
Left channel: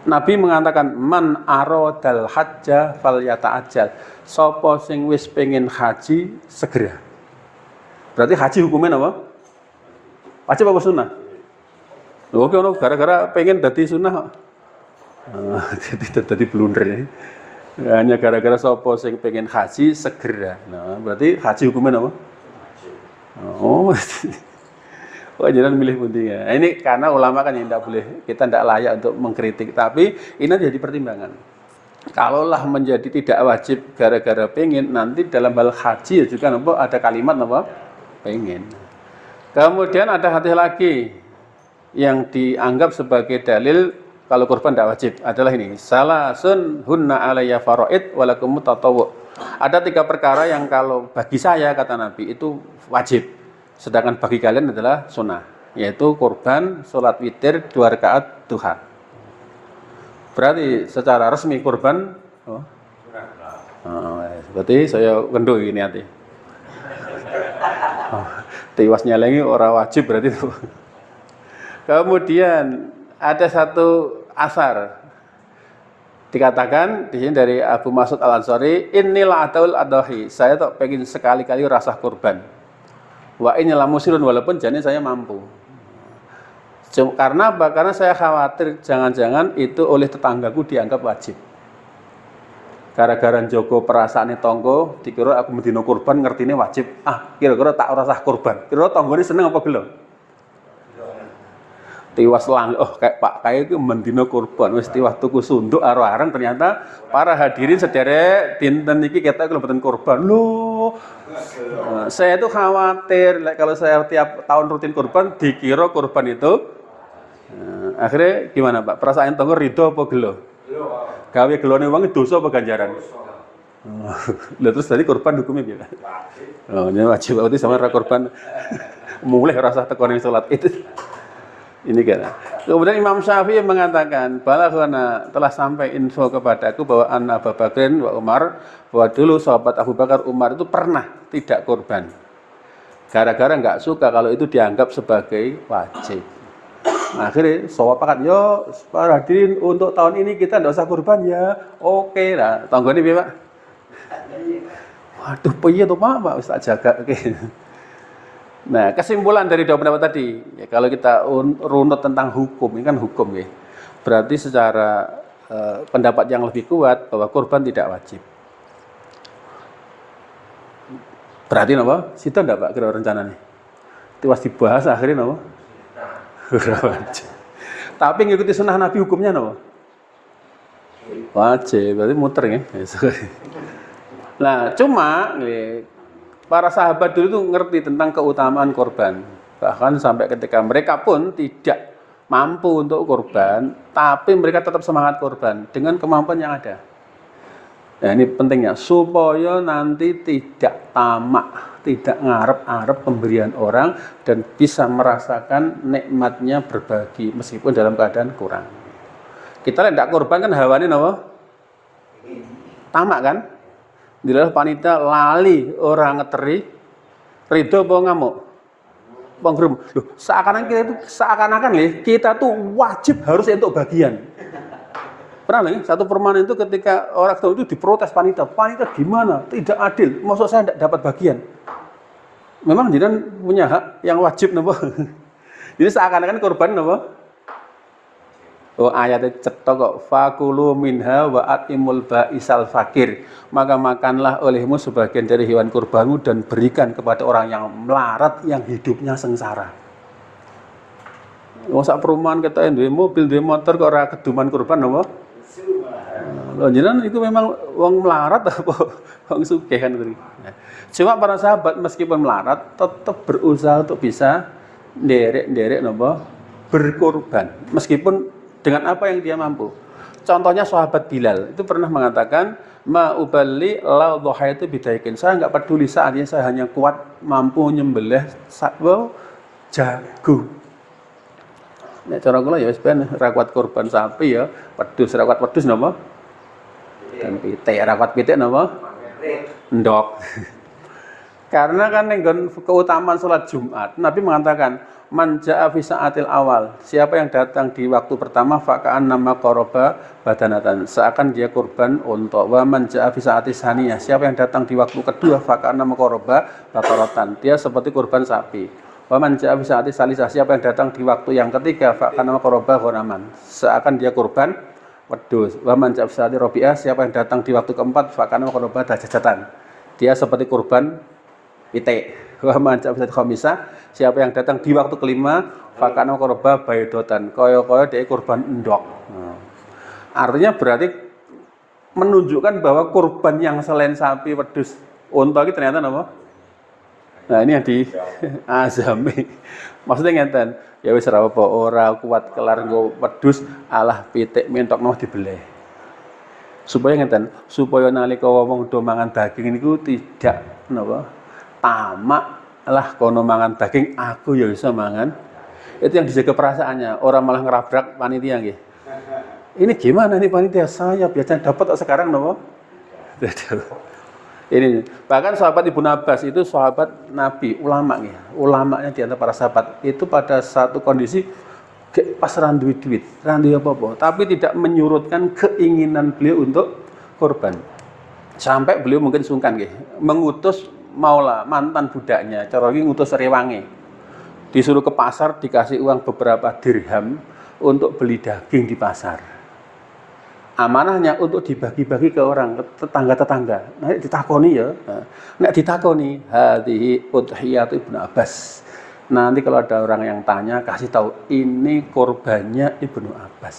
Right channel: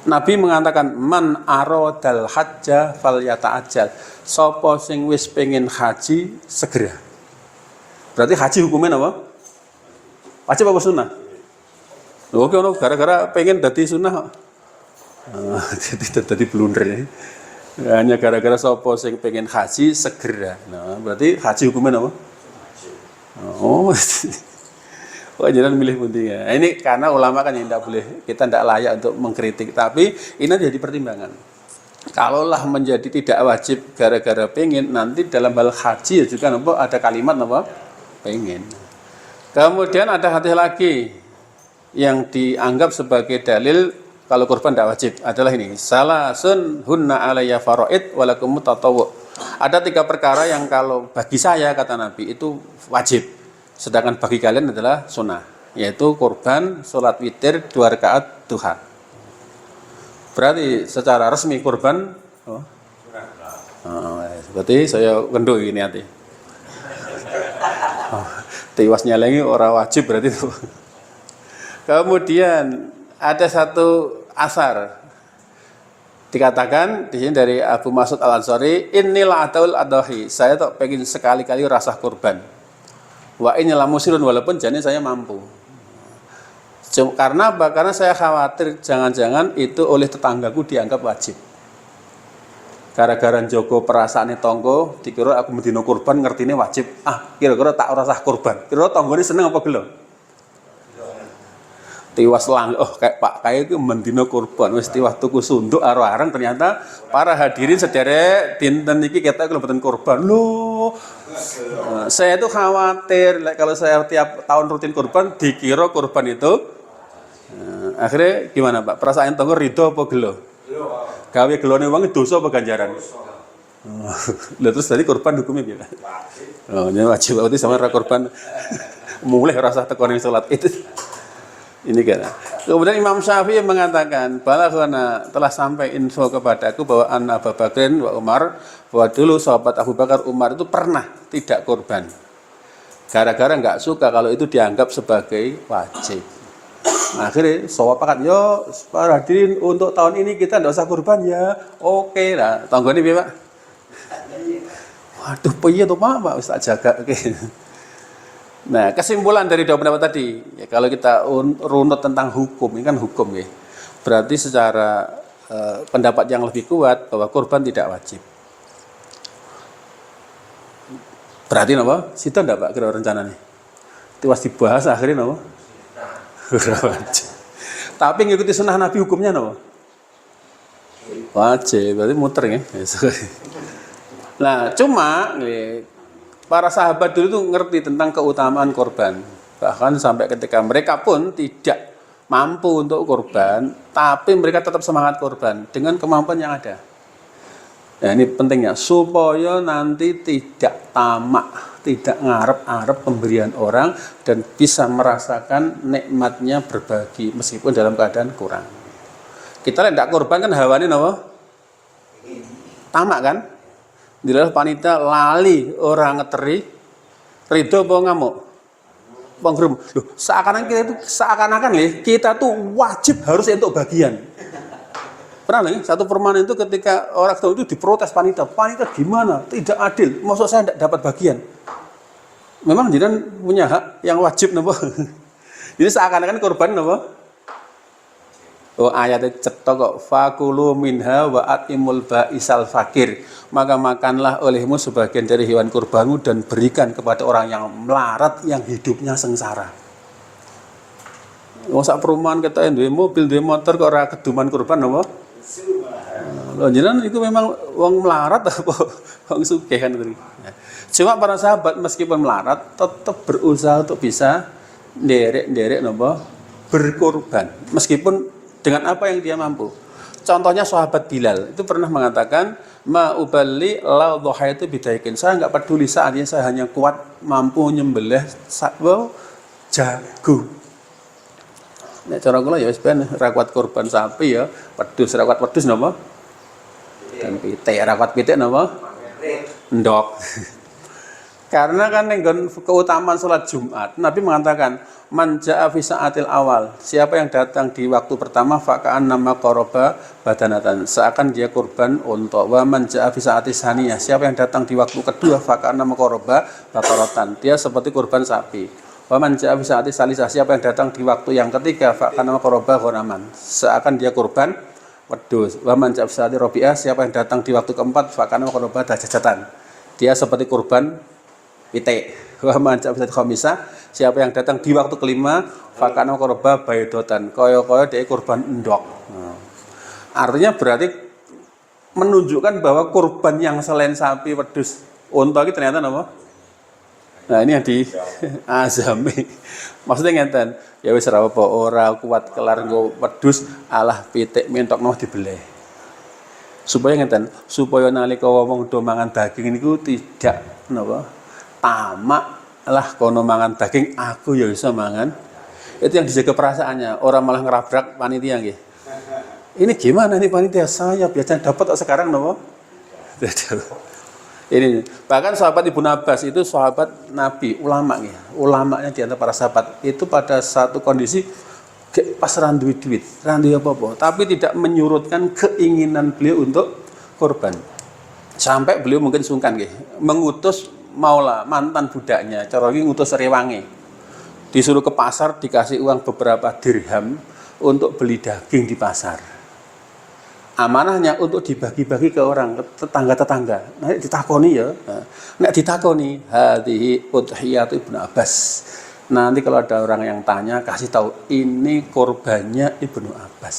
Nabi mengatakan man aradal hajja falyata'ajjal. Sapa sing wis pengen haji segera. Berarti haji hukumnya apa? Wajib apa sunnah? Lho kok gara-gara pengen dadi sunnah. Jadi blunder ya. Hanya gara-gara sapa sing pengen haji segera. Nah, berarti haji hukumnya apa? Oh. Oh, jangan milih pundi ya. Ini karena ulama kan yang tidak boleh, kita tidak layak untuk mengkritik, tapi ini jadi pertimbangan. Kalaulah menjadi tidak wajib gara-gara pengen, nanti dalam hal haji juga ada kalimat apa? Pengen. Kemudian ada hadis lagi yang dianggap sebagai dalil kalau kurban tidak wajib adalah ini, salasun hunna alayya faraid walakum tatawwu. Ada 3 perkara yang kalau bagi saya kata Nabi itu wajib, sedangkan bagi kalian adalah sunnah, yaitu kurban, sholat witir, 2 rakaat duha. Berarti secara resmi kurban berarti saya kendo ini hati. Tiwas nyalengi orang wajib berarti itu. Kemudian ada satu asar dikatakan di sini dari Abu Mas'ud Al-Ansari, inilah ataul adahi, saya tak pengen sekali-kali rasa kurban. Wa inilah musirun, walaupun jane saya mampu. Karena apa? Karena saya khawatir jangan-jangan itu oleh tetanggaku dianggap wajib. gara-gara njogo perasaane tangga dikira aku mendino kurban ngertine wajib. Kira-kira tak ora sah kurban. Kira tanggane seneng apa gelo? Tiwas lang, kayak Pak Kai itu mendino kurban, wis tiwas tuku sunduk arang ternyata para hadirin sederek dinten iki kita kelebatan kurban. Loh, saya itu khawatir kalau saya tiap tahun rutin kurban dikira kurban itu akhirnya gimana Pak? Perasaan tangga ridho apa gelo? Gawe gelone wong dosa apa ganjaran? Lah terus tadi kurban hukumnya piye? Ini wajib berarti sama kurban mulai rasa tekone salat itu. Ini kan. Kemudian Imam Syafi'i mengatakan, balaghana telah sampai info kepadaku bahwa anna Abu Bakrin wa Umar, bahwa dulu sahabat Abu Bakar Umar itu pernah tidak kurban. Gara-gara nggak suka kalau itu dianggap sebagai wajib. Akhirnya sahabat yo para hadirin untuk tahun ini kita nggak usah kurban ya. Oke lah. Tanggane piye, Pak? Waduh, piye tuh Pak? Wis tak jaga. Oke. Nah, kesimpulan dari dua pendapat tadi, ya, kalau kita runut tentang hukum, ini kan hukum ya, berarti secara pendapat yang lebih kuat bahwa kurban tidak wajib. Berarti apa? Situ enggak Pak kira rencana nih? Itu pasti dibahas akhirnya apa? Wajib. Tapi ngikuti sunnah Nabi hukumnya apa? Wajib, berarti muter ya. Nah, cuma nih, para sahabat dulu tuh ngerti tentang keutamaan korban. Bahkan sampai ketika mereka pun tidak mampu untuk korban, tapi mereka tetap semangat korban dengan kemampuan yang ada. Nah ini pentingnya, supaya nanti tidak tamak, tidak ngarep-ngarep pemberian orang, dan bisa merasakan nikmatnya berbagi meskipun dalam keadaan kurang. Kita tidak korban kan hawanya apa? Tamak kan? Dilalah panitia lali orang ngeteri, ridho apa ngamuk? Penggerum. Loh, seakan-akan kita tuh wajib harus untuk bagian. Pernah nih satu perumahan itu ketika orang itu diprotes panitia gimana? Tidak adil. Maksud saya tidak dapat bagian. Memang dia punya hak yang wajib nopo. Jadi seakan-akan korban nopo. Ayatnya cetok kok fakulu minha wa atimul ba'isal fakir, maka makanlah olehmu sebagian dari hewan kurbanmu dan berikan kepada orang yang melarat yang hidupnya sengsara. Wong sak perumahan kita duwe mobil duwe motor kok ora keduman kurban apa? Lho jenengan itu memang wong melarat apa wong sugih kan itu. Cuma para sahabat meskipun melarat tetap berusaha untuk bisa nderek napa berkorban meskipun dengan apa yang dia mampu. Contohnya sahabat Bilal itu pernah mengatakan, ma uballi la dhahaitu bidaikin. Saya enggak peduli saatnya saya hanya kuat mampu nyembelih jago. Nek cara kula ya wis ben ra kuat kurban sapi ya, wedhus ra kuat wedhus napa? Dan pitik ra kuat pitik napa? Endok. Karena kan nenggon keutamaan sholat Jumat, Nabi mengatakan man ja'a fi sa'atil awal, siapa yang datang di waktu pertama faka'an nama qoroba badanatan, seakan dia kurban untuk. Wa man ja'a fi sa'atis saniyah, siapa yang datang di waktu kedua faka'an nama qoroba bakaratan, dia seperti kurban sapi. Wa man ja'a fi sa'atis salisah, siapa yang datang di waktu yang ketiga faka'an nama qoroba ghanaman, seakan dia kurban wedhus. Wa man ja'a fi sa'atis rabi'ah, siapa yang datang di waktu keempat faka'an nama qoroba dajajatan, dia seperti kurban pitik. Wa man ja'a fi sa'atis khamisah, siapa yang datang di waktu kelima fakana korba baydotan, koyo-koyo dia kurban endok. Artinya berarti menunjukkan bahwa kurban yang selain sapi, wedhus, unta itu ternyata apa? Nah ini yang di azami. Maksudnya ngeten, ya wis ora apa ora kuat kelar nggo wedhus alah pitik mentokno dibeleh. Supaya ngeten, supaya nalika wong do mangan daging niku tidak napa? Tamak lah kono mangan daging aku ya bisa mangan. Itu yang dijaga perasaannya, orang malah ngerabrak panitia nggih. Ini gimana nih panitia, saya biasanya dapat sekarang nopo? Ini bahkan sahabat Ibnu Abbas itu sahabat Nabi, ulama nggih. Ulamanya di antara para sahabat itu pada satu kondisi pas randuwi duit, randuwi apa-apa, tapi tidak menyurutkan keinginan beliau untuk korban. Sampai beliau mungkin sungkan nggih, mengutus maula mantan budaknya, cara iki ngutus rewange. Disuruh ke pasar dikasih uang beberapa dirham untuk beli daging di pasar. amanahnya untuk dibagi-bagi ke orang, ke tetangga-tetangga. Nah, ditakoni ya. Nek ditakoni, hadhihi udhiyatu Ibnu Abbas. Nanti kalau ada orang yang tanya, kasih tahu ini korbannya Ibnu Abbas.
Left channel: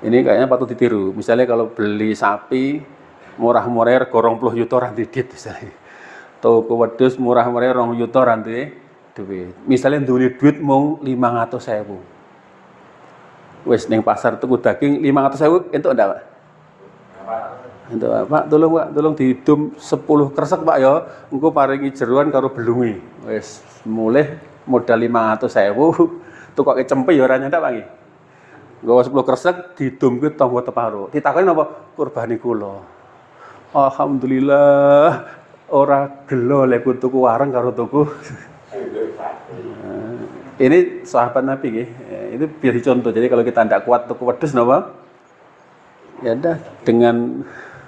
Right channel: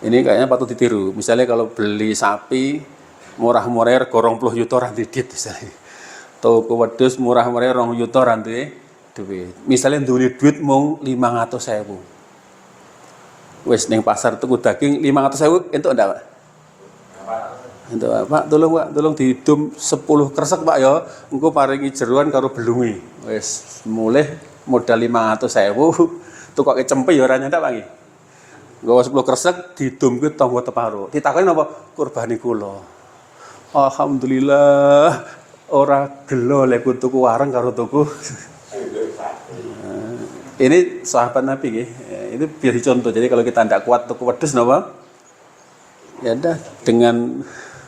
Ini kayaknya patut ditiru. Misalnya kalau beli sapi murah-murah gorong 20 juta ra didit misalnya. Toko wedhus murah-murah 2 juta ra duit. Misalnya duwe duit mau 500.000. Wis ning pasar tuku daging 500.000 entuk ndak, Pak? Entuk, Pak. Tolong dihidum 10 kresek, Pak ya. Engko paringi jeroan karo belunge. Wis mulih modal 500.000 tukoke cempe ya ora nyentak, Pak iki. Nggawa 10 kresek didumke tangga teparo. Ditakoni napa? Kurbani kula. Alhamdulillah ora gelo lek tuku wareng karo tuku. Ini sahabat Nabi nggih. Itu biar dicontoh. Jadi kalau kita tidak kuat tuku wedhus napa? Ya udah dengan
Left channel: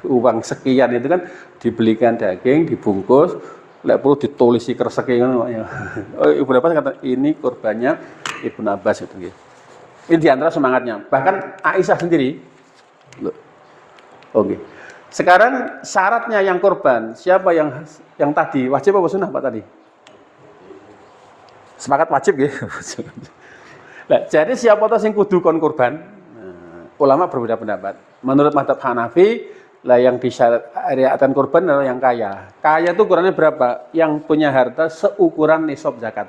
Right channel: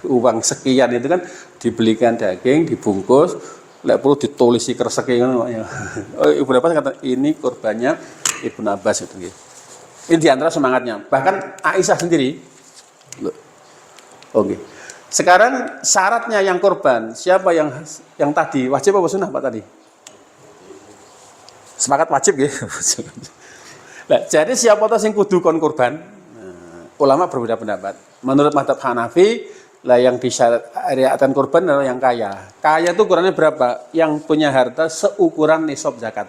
uang sekian itu kan dibelikan daging, dibungkus, lek perlu ditulisi kreseke ngono ya. Ibnu Abbas kata ini kurbannya Ibnu Abbas itu nggih. Ini diantara semangatnya. Bahkan Aisyah sendiri. Oke. Sekarang syaratnya yang kurban, siapa yang tadi wajib apa sunnah Pak tadi? Sepakat wajib nggih. Nah, jadi siapa tahu sing kudu kon kurban? Ulama berbeda pendapat. Menurut mazhab Hanafi, lah yang disyariatkan kurban adalah yang kaya. Kaya itu ukurannya berapa? Yang punya harta seukuran nisab zakat.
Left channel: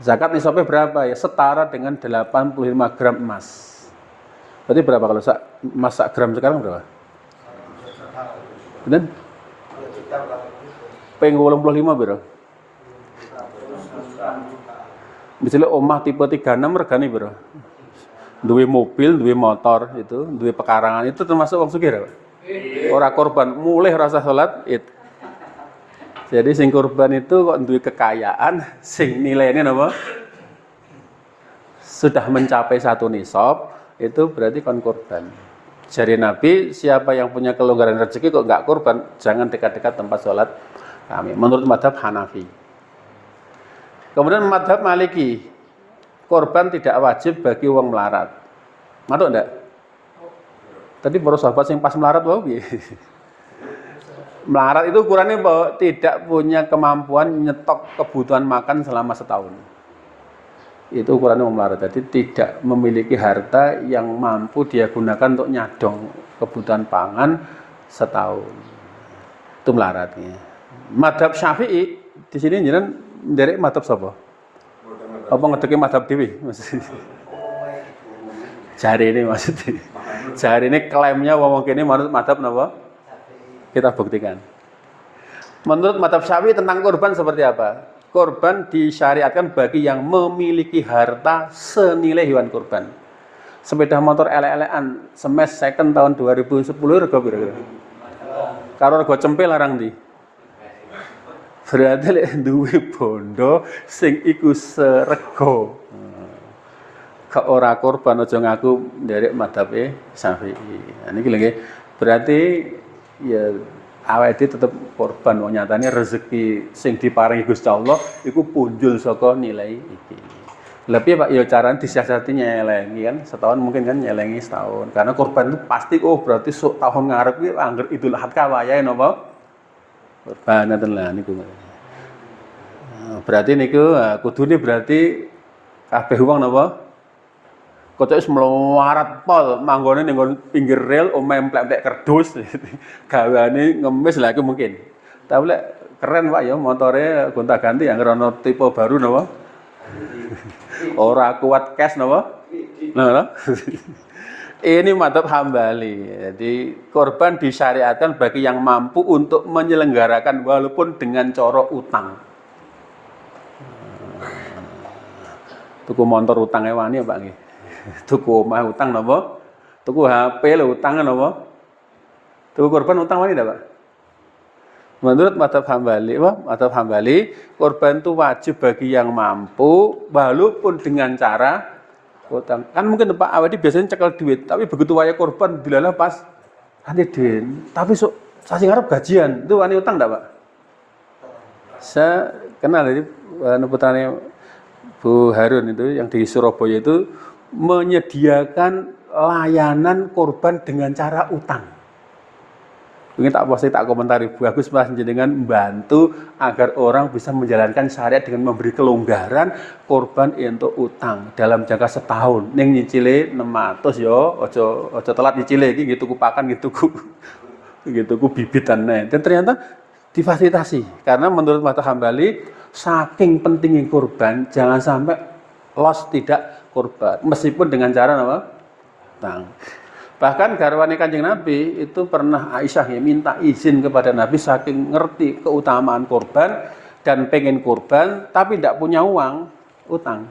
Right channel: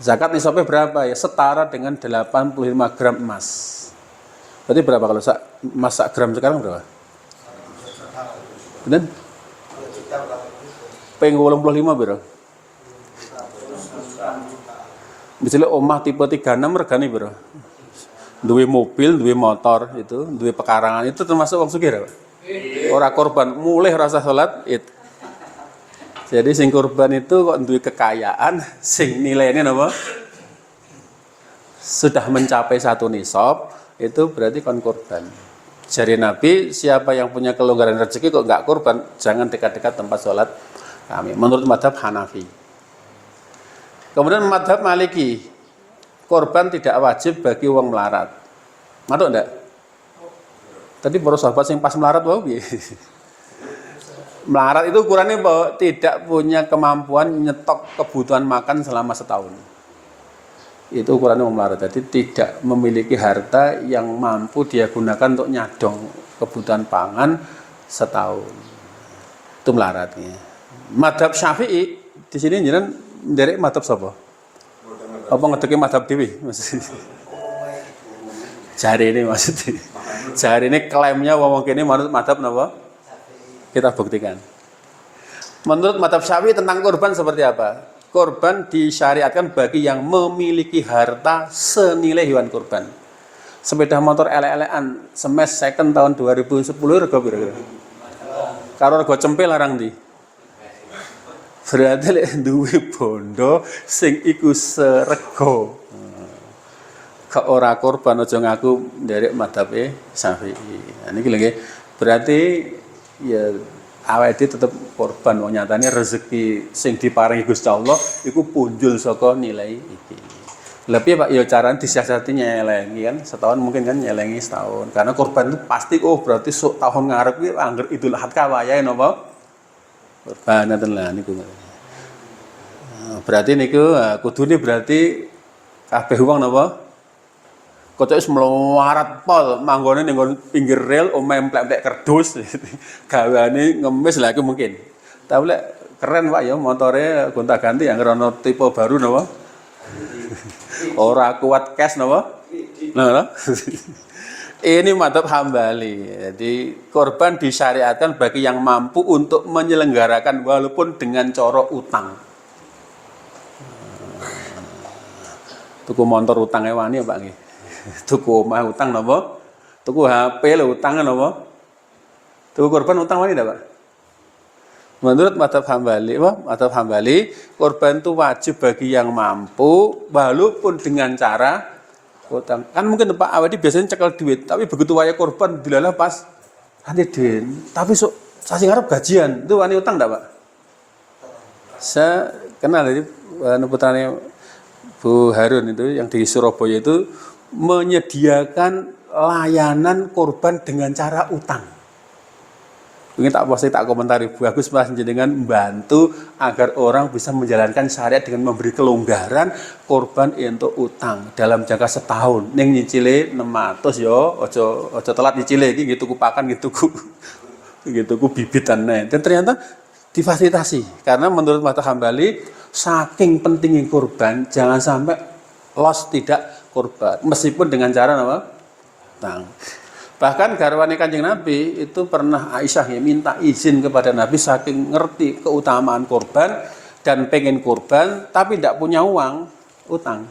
Zakat nisabnya berapa ya? Setara dengan 85 gram emas. Berarti berapa kalau emas sak gram sekarang berapa? Dan peng 85 berapa? Misalnya omah tipe 36 regane berapa? Duwe mobil, duwe motor itu, duwe pekarangan itu termasuk wong sugih. Ora korban, mulih rasa salat itu. Jadi sing korban itu kok duwe kekayaan sing nilainya napa? Sudah mencapai 1 nisab, itu berarti kon korban. Jari Nabi, siapa yang punya kelonggaran rezeki kok enggak korban, jangan dekat-dekat tempat sholat kami. Menurut mazhab Hanafi. Kemudian mazhab Maliki, korban tidak wajib bagi wong melarat. Matuk enggak? Tadi para sahabat yang pas melarat wau piye? Melarat itu ukurannya bahwa tidak punya kemampuan nyetok kebutuhan makan selama setahun. Itu ukurannya wong melarat. Jadi tidak memiliki harta yang mampu dia gunakan untuk nyadong kebutuhan pangan setahun. Itu melaratnya. Mazhab Syafi'i di sini jenengan nderek mazhab sapa? Apa ngedeki mazhab dhewe? Jari ini maksudnya. Jari ini klaimnya wong kene menurut mazhab napa? Kita buktikan. Menurut mazhab Syafi'i tentang kurban seperti apa? Kurban disyariatkan bagi yang memiliki harta senilai hewan kurban. Sepeda motor elek-elekan semes second tahun 2010 rega piro? Karo rega cempe larang ndi? Berarti lek duwe bondo sing iku serego. Kok ora kurban aja ngaku nderek madhabe Syafi'i. Nah niki lho nggih. Berarti ya awake tetep korban wong nyatane rezeki sing diparingi Gusti Allah iku punjul saka nilai iki. Lebih Pak ya carane disiasati nyelengi kan setahun mungkin kan nyelengi setahun. Karena korban itu pasti berarti tahun ngarep iki angger Idul Adha wayahe napa? Korban ngoten lah niku. Berarti niku kudune berarti kabeh wong napa? Kocok wis melarat pol manggone ning pinggir rel omahe emplek-emplek kerdus. Gaweane ngemis lah iku mungkin. Tapi lek keren Pak ya motore gonta-ganti yang ana tipe baru napa? Ora kuat cash napa? Nah. Ini mazhab Hambali. Jadi korban disyariatkan bagi yang mampu untuk menyelenggarakan walaupun dengan cara utang. Tuku motor utangnya wani ya Pak nggih. Tuku omah utang napa? Tuku HP lho utang napa? Tuku korban utang wani ndak Pak? Menurut mazhab Hambali, korban itu wajib bagi yang mampu walaupun dengan cara utang. Kan mungkin Pak Awadi biasanya cekel duit, tapi begitu waya korban dilalah pas nanti duit. Tapi sasi ngarep gajian, itu wani utang ndak Pak? Saya kenal ini putranya Bu Harun itu yang di Surabaya itu menyediakan layanan kurban dengan cara utang. Ini tak pasti tak komentari, bagus mas dengan membantu agar orang bisa menjalankan syariat dengan memberi kelonggaran kurban untuk utang dalam jangka setahun. Ning nyicile 600 yo, ojo telat nyicile iki gitu ku pakan gitu ku bibitan nih. Dan ternyata difasilitasi karena menurut Mazhab Hambali saking pentingnya kurban jangan sampai los tidak kurban meskipun dengan cara apa? Utang. Bahkan garwane Kanjeng Nabi itu pernah Aisyah ya, minta izin kepada Nabi saking ngerti keutamaan kurban dan pengen kurban tapi tidak punya uang, utang.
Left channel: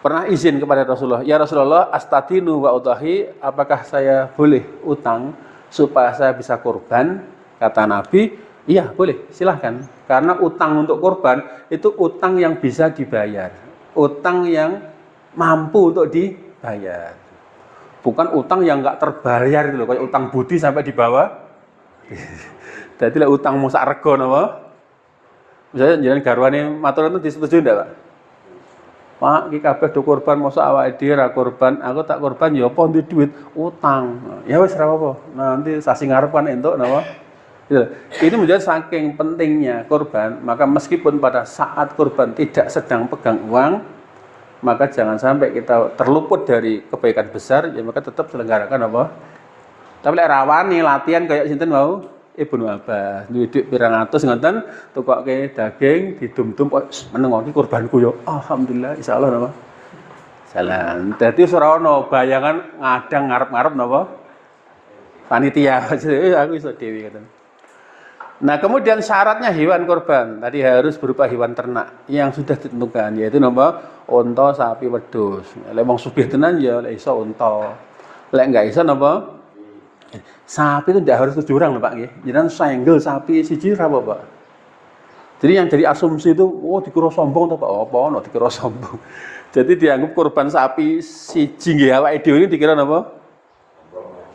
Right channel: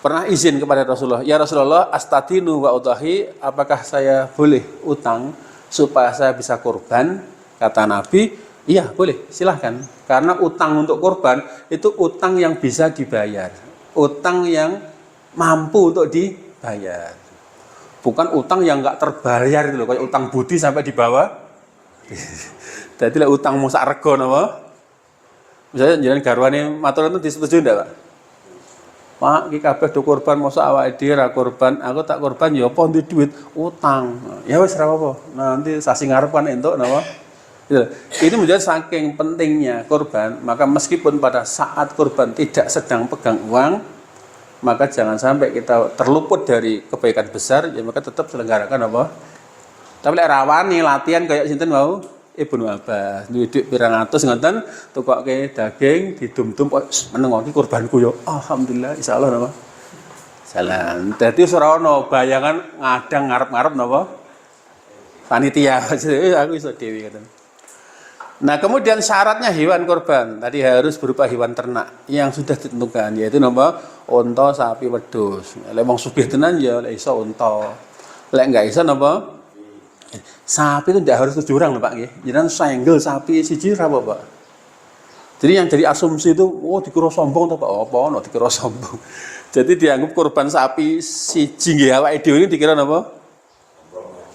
Pernah izin kepada Rasulullah, ya Rasulullah astadinu wa udahi, apakah saya boleh utang supaya saya bisa kurban? Kata Nabi, iya boleh, silahkan. Karena utang untuk kurban itu utang yang bisa dibayar, utang yang mampu untuk dibayar. Bukan utang yang nggak terbayar gitu loh, kayak utang budi sampai di bawah. Jadi lah utang musak rego nama. Misalnya jangan garwane matur itu disetujui ndak, Pak? Pak, iki kabeh do kurban mosok awake dhewe ra kurban, aku tak kurban ya apa ndek duit utang. Ya wis ra apa. Nanti sasi ngarep kan entuk napa? Gitu. Ini menjadi saking pentingnya kurban, maka meskipun pada saat kurban tidak sedang pegang uang, maka jangan sampai kita terluput dari kebaikan besar, ya maka tetap selenggarakan apa? Tapi lek rawani latihan kayak sinten mau Ibnu Abbas, duit pirang atus ngoten, tukokke daging didum-dum kok meneng iki kurbanku ya. Alhamdulillah insyaallah napa? Salam. Dadi ora ono bayangan ngadang ngarep-ngarep napa? Panitia. Aku iso dhewe ngoten. Nah, kemudian syaratnya hewan kurban tadi harus berupa hewan ternak yang sudah ditentukan, yaitu napa? Unta, sapi, wedhus. Lek wong sugih tenan ya lek iso unta. Lek enggak iso napa? Sapi itu tidak harus 7 orang lho Pak nggih. Jenengan senggel sapi siji ra apa, Pak. Jadi yang jadi asumsi itu, oh dikira sombong to Pak. Oh, apa ono dikira sombong. Jadi dianggap kurban sapi siji nggih awake dhewe ini dikira napa?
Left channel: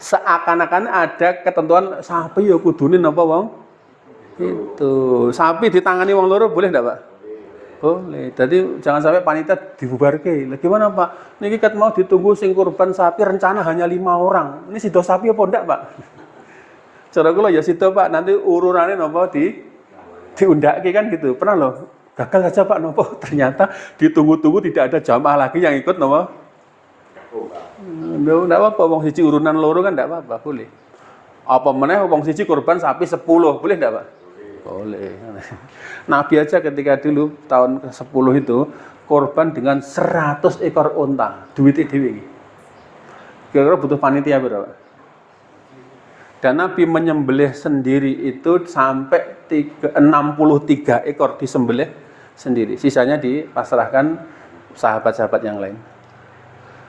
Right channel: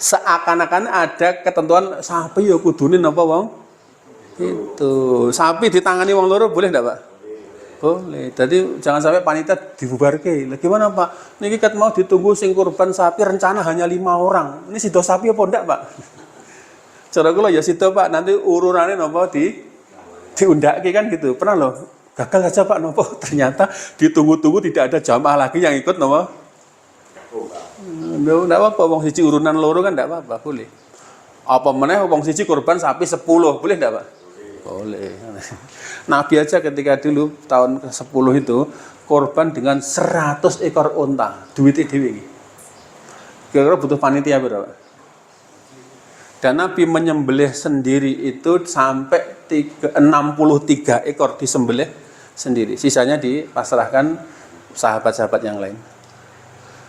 Seakan-akan ada ketentuan sapi ya kudune napa wong? Itu sapi ditangani wong loro boleh enggak Pak? Boleh. Jadi jangan sampai panitia dibubarke. Lah gimana Pak? Niki ket mau ditunggu sing kurban sapi rencana hanya 5 orang. Ini sido sapi apa enggak Pak? Cara kula ya sido Pak, nanti urunane napa diundake kan gitu. Pernah loh gagal aja Pak napa ternyata ditunggu-tunggu tidak ada jamaah lagi yang ikut napa? Enggak apa-apa wong siji urunan loro kan enggak apa-apa, boleh. Apa meneh wong siji kurban sapi 10, boleh enggak Pak? Boleh. Nabi aja ketika dulu tahun ke-10 itu korban dengan 100 ekor unta, duitnya dewi. Kira-kira butuh panitia berapa? Dan Nabi menyembelih sendiri itu sampai 63 ekor disembelih sendiri. Sisanya dipasrahkan sahabat-sahabat yang lain.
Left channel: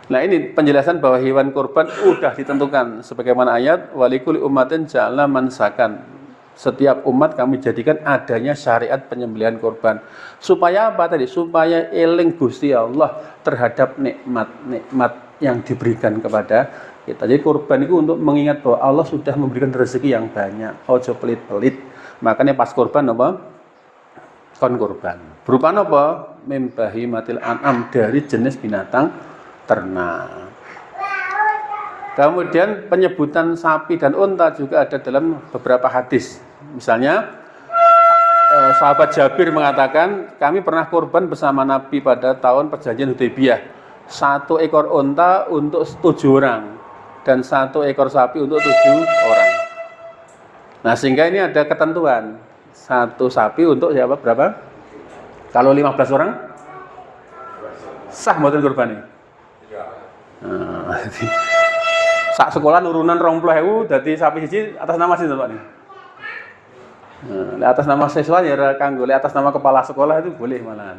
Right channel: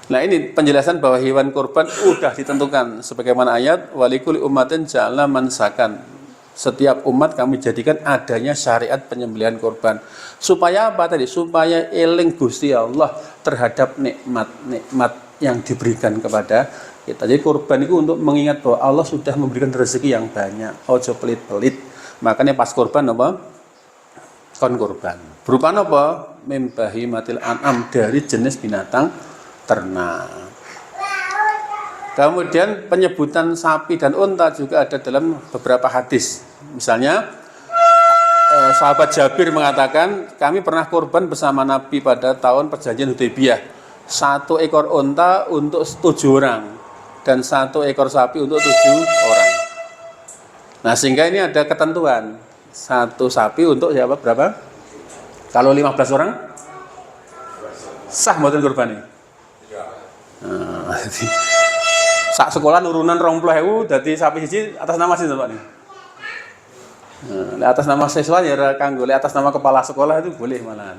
Nah ini penjelasan bahwa hewan kurban udah ditentukan sebagaimana ayat walikul ummatin ja'ala mansakan. Setiap umat kami jadikan adanya syariat penyembelihan kurban. Supaya apa tadi? Supaya eling Gusti Allah terhadap nikmat-nikmat yang diberikan kepada kita. Jadi kurban itu untuk mengingat bahwa Allah sudah memberikan rezeki yang banyak. Ojo pelit-pelit. Makanya pas kurban apa? Kon kurban. Berupa apa? Mim bahimatil an'am, dari jenis binatang ternak. Kemudian penyebutan sapi dan unta juga ada dalam beberapa hadis. Misalnya sahabat Jabir mengatakan kami pernah kurban bersama Nabi pada tahun perjanjian Hudaybiyah. 1 ekor unta untuk 7 orang dan 1 ekor sapi untuk 7 orang. Nah sehingga ini ada ketentuan 1 sapi untuk siapa berapa? Kalau 15 orang sah mboten kurban ini. Nah, sak sekolah nurunan 20.000 dadi sapi siji atas nama sinten Pak nih. Nah, atas nama siswa ya kanggo atas nama kepala sekolah itu boleh malahan.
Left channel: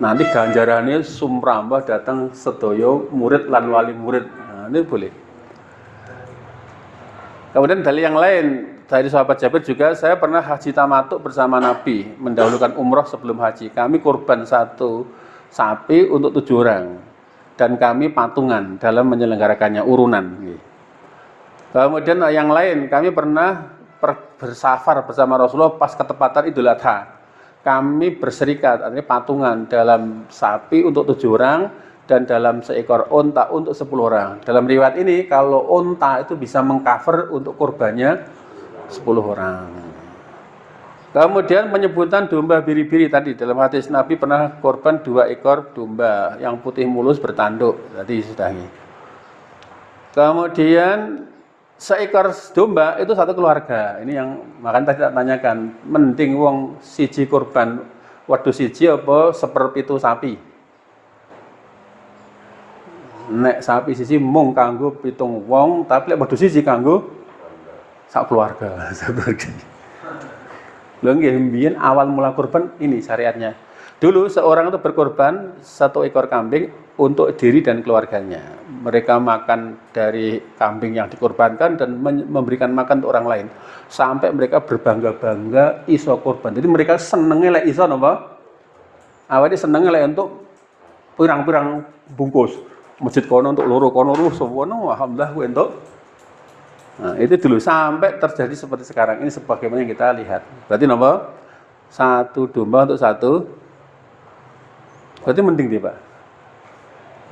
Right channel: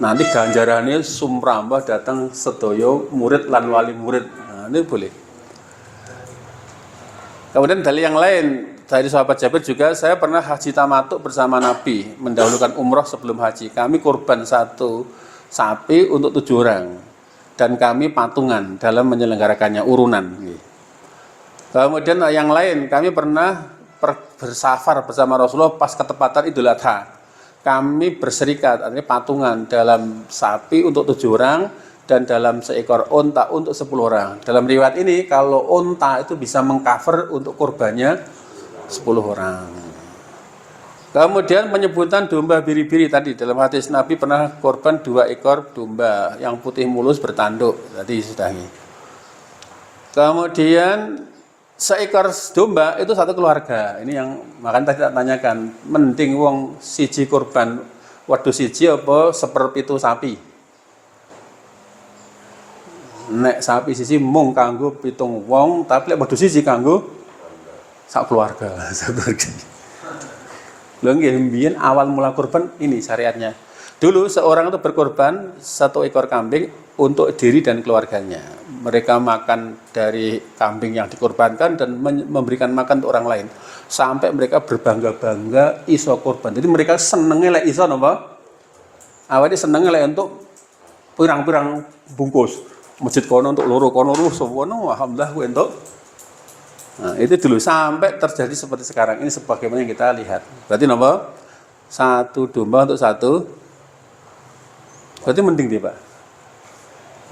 Nanti ganjarannya sumrambah datang sedoyo murid lan wali murid. Nah, ini boleh. Kemudian dari yang lain, dari sahabat Jabir juga saya pernah haji tamattu bersama Nabi, mendahulukan umroh sebelum haji. Kami kurban 1 sapi untuk 7 orang. Dan kami patungan dalam menyelenggarakannya urunan. Kemudian yang lain, kami pernah bersafar bersama Rasulullah pas ketepatan Idul Adha. Kami berserikat, artinya patungan dalam sapi untuk 7 orang dan dalam seekor unta untuk 10 orang. Dalam riwayat ini kalau unta itu bisa mengcover untuk kurbannya 10 orang. Kemudian penyebutan domba biri-biri tadi dalam hadis Nabi pernah korban 2 ekor domba yang putih mulus bertanduk, tadi sudah. Kemudian seekor domba itu satu keluarga. Ini yang makan tadi tak tanyakan, mending wong siji korban wedhus siji apa seperpitu sapi? Nek sapi siji mung kanggo 7 wong, tapi lek wedhus siji kanggo sak keluarga. Lho nggih mbiyen awal mula kurban ini syariatnya. Dulu seorang itu berkorban 1 ekor kambing untuk diri dan keluarganya. Mereka makan dari kambing yang dikorbankan dan memberikan makan untuk orang lain. Sampai mereka berbangga-bangga iso kurban. Jadi mereka senengnya lek iso napa? Awalnya senengnya lek untuk pirang-pirang bungkus. Masjid kono untuk loro kono sewono alhamdulillah kuwi entuk. Nah, itu dulu sampai terjadi seperti sekarang ini sebagaimana yang kita lihat. Berarti napa? 1 domba untuk 1. Berarti mending deh, Pak.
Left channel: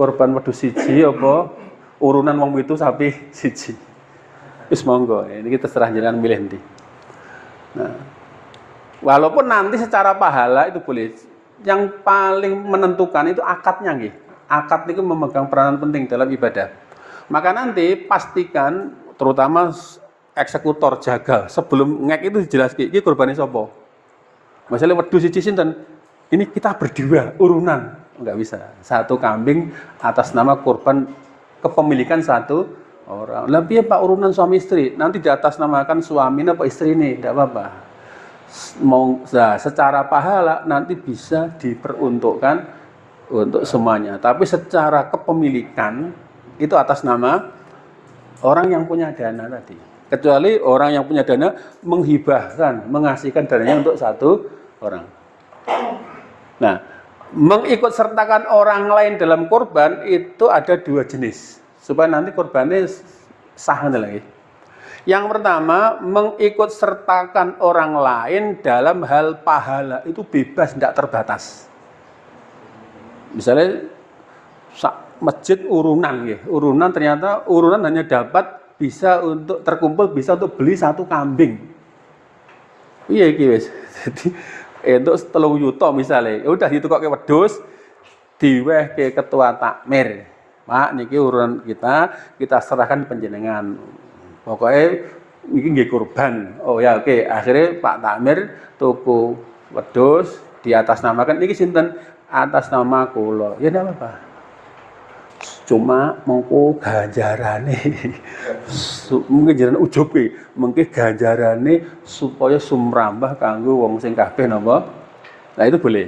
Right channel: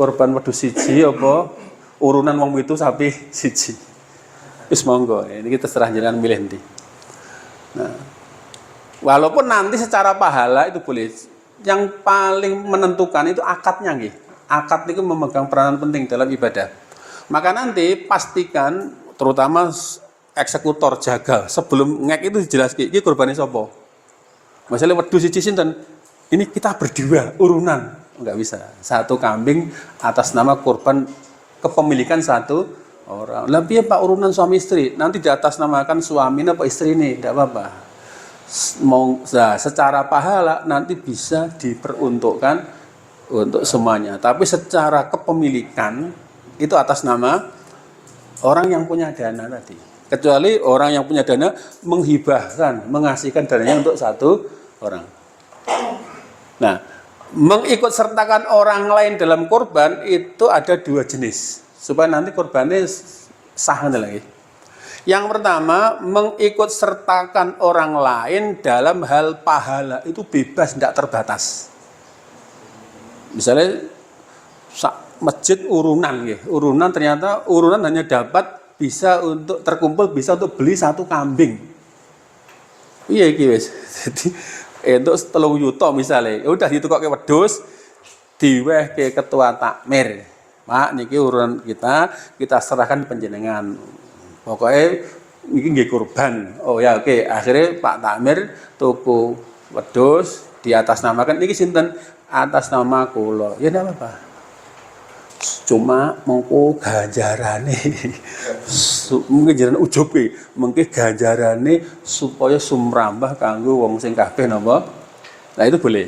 Korban wedhus siji apa urunan wong itu sapi siji. Wis monggo, ini kita serah jalan milih ndi. Nah, walaupun nanti secara pahala itu boleh. Yang paling menentukan itu akadnya nggih. Akad itu memegang peranan penting dalam ibadah. Maka nanti pastikan terutama eksekutor jaga sebelum ngek itu dijelaskan iki kurbane sapa. Masalah wedhus siji sinten? Ini kita berdua urunan, enggak bisa. 1 kambing atas nama kurban kepemilikan 1 orang. Lah piye Pak urunan suami istri? Nanti di atas namakan suaminya apa istri ini, enggak apa-apa. Mau secara pahala nanti bisa diperuntukkan untuk semuanya. Tapi secara kepemilikan itu atas nama orang yang punya dana tadi. Kecuali orang yang punya dana menghibahkan, mengasihkan dananya untuk 1 orang. Nah, mengikut sertakan orang lain dalam kurban itu ada 2 jenis. Supaya nanti kurbannya sah lagi. Yang pertama, mengikut sertakan orang lain dalam hal pahala itu bebas, tidak terbatas. Misalnya masjid urunan ya. Urunan ternyata urunan hanya dapat bisa untuk terkumpul bisa untuk beli 1 kambing. Iya iki wis. Jadi untuk 3 juta misalnya, udah ditukokke wedhus diwehke ketua takmir. Pak niki urunan kita serahkan panjenengan. Pokoknya niki nggih kurban. Oh ya oke, akhirnya Pak Takmir tuku wedhus diatasnamakan niki sinten? Atas nama kula. Ya ndak apa-apa. Cuma mengko ganjarane mungkin jaran ujube mengke ganjarane supaya sumrambah kanggo wong sing kabeh napa. Nah itu boleh.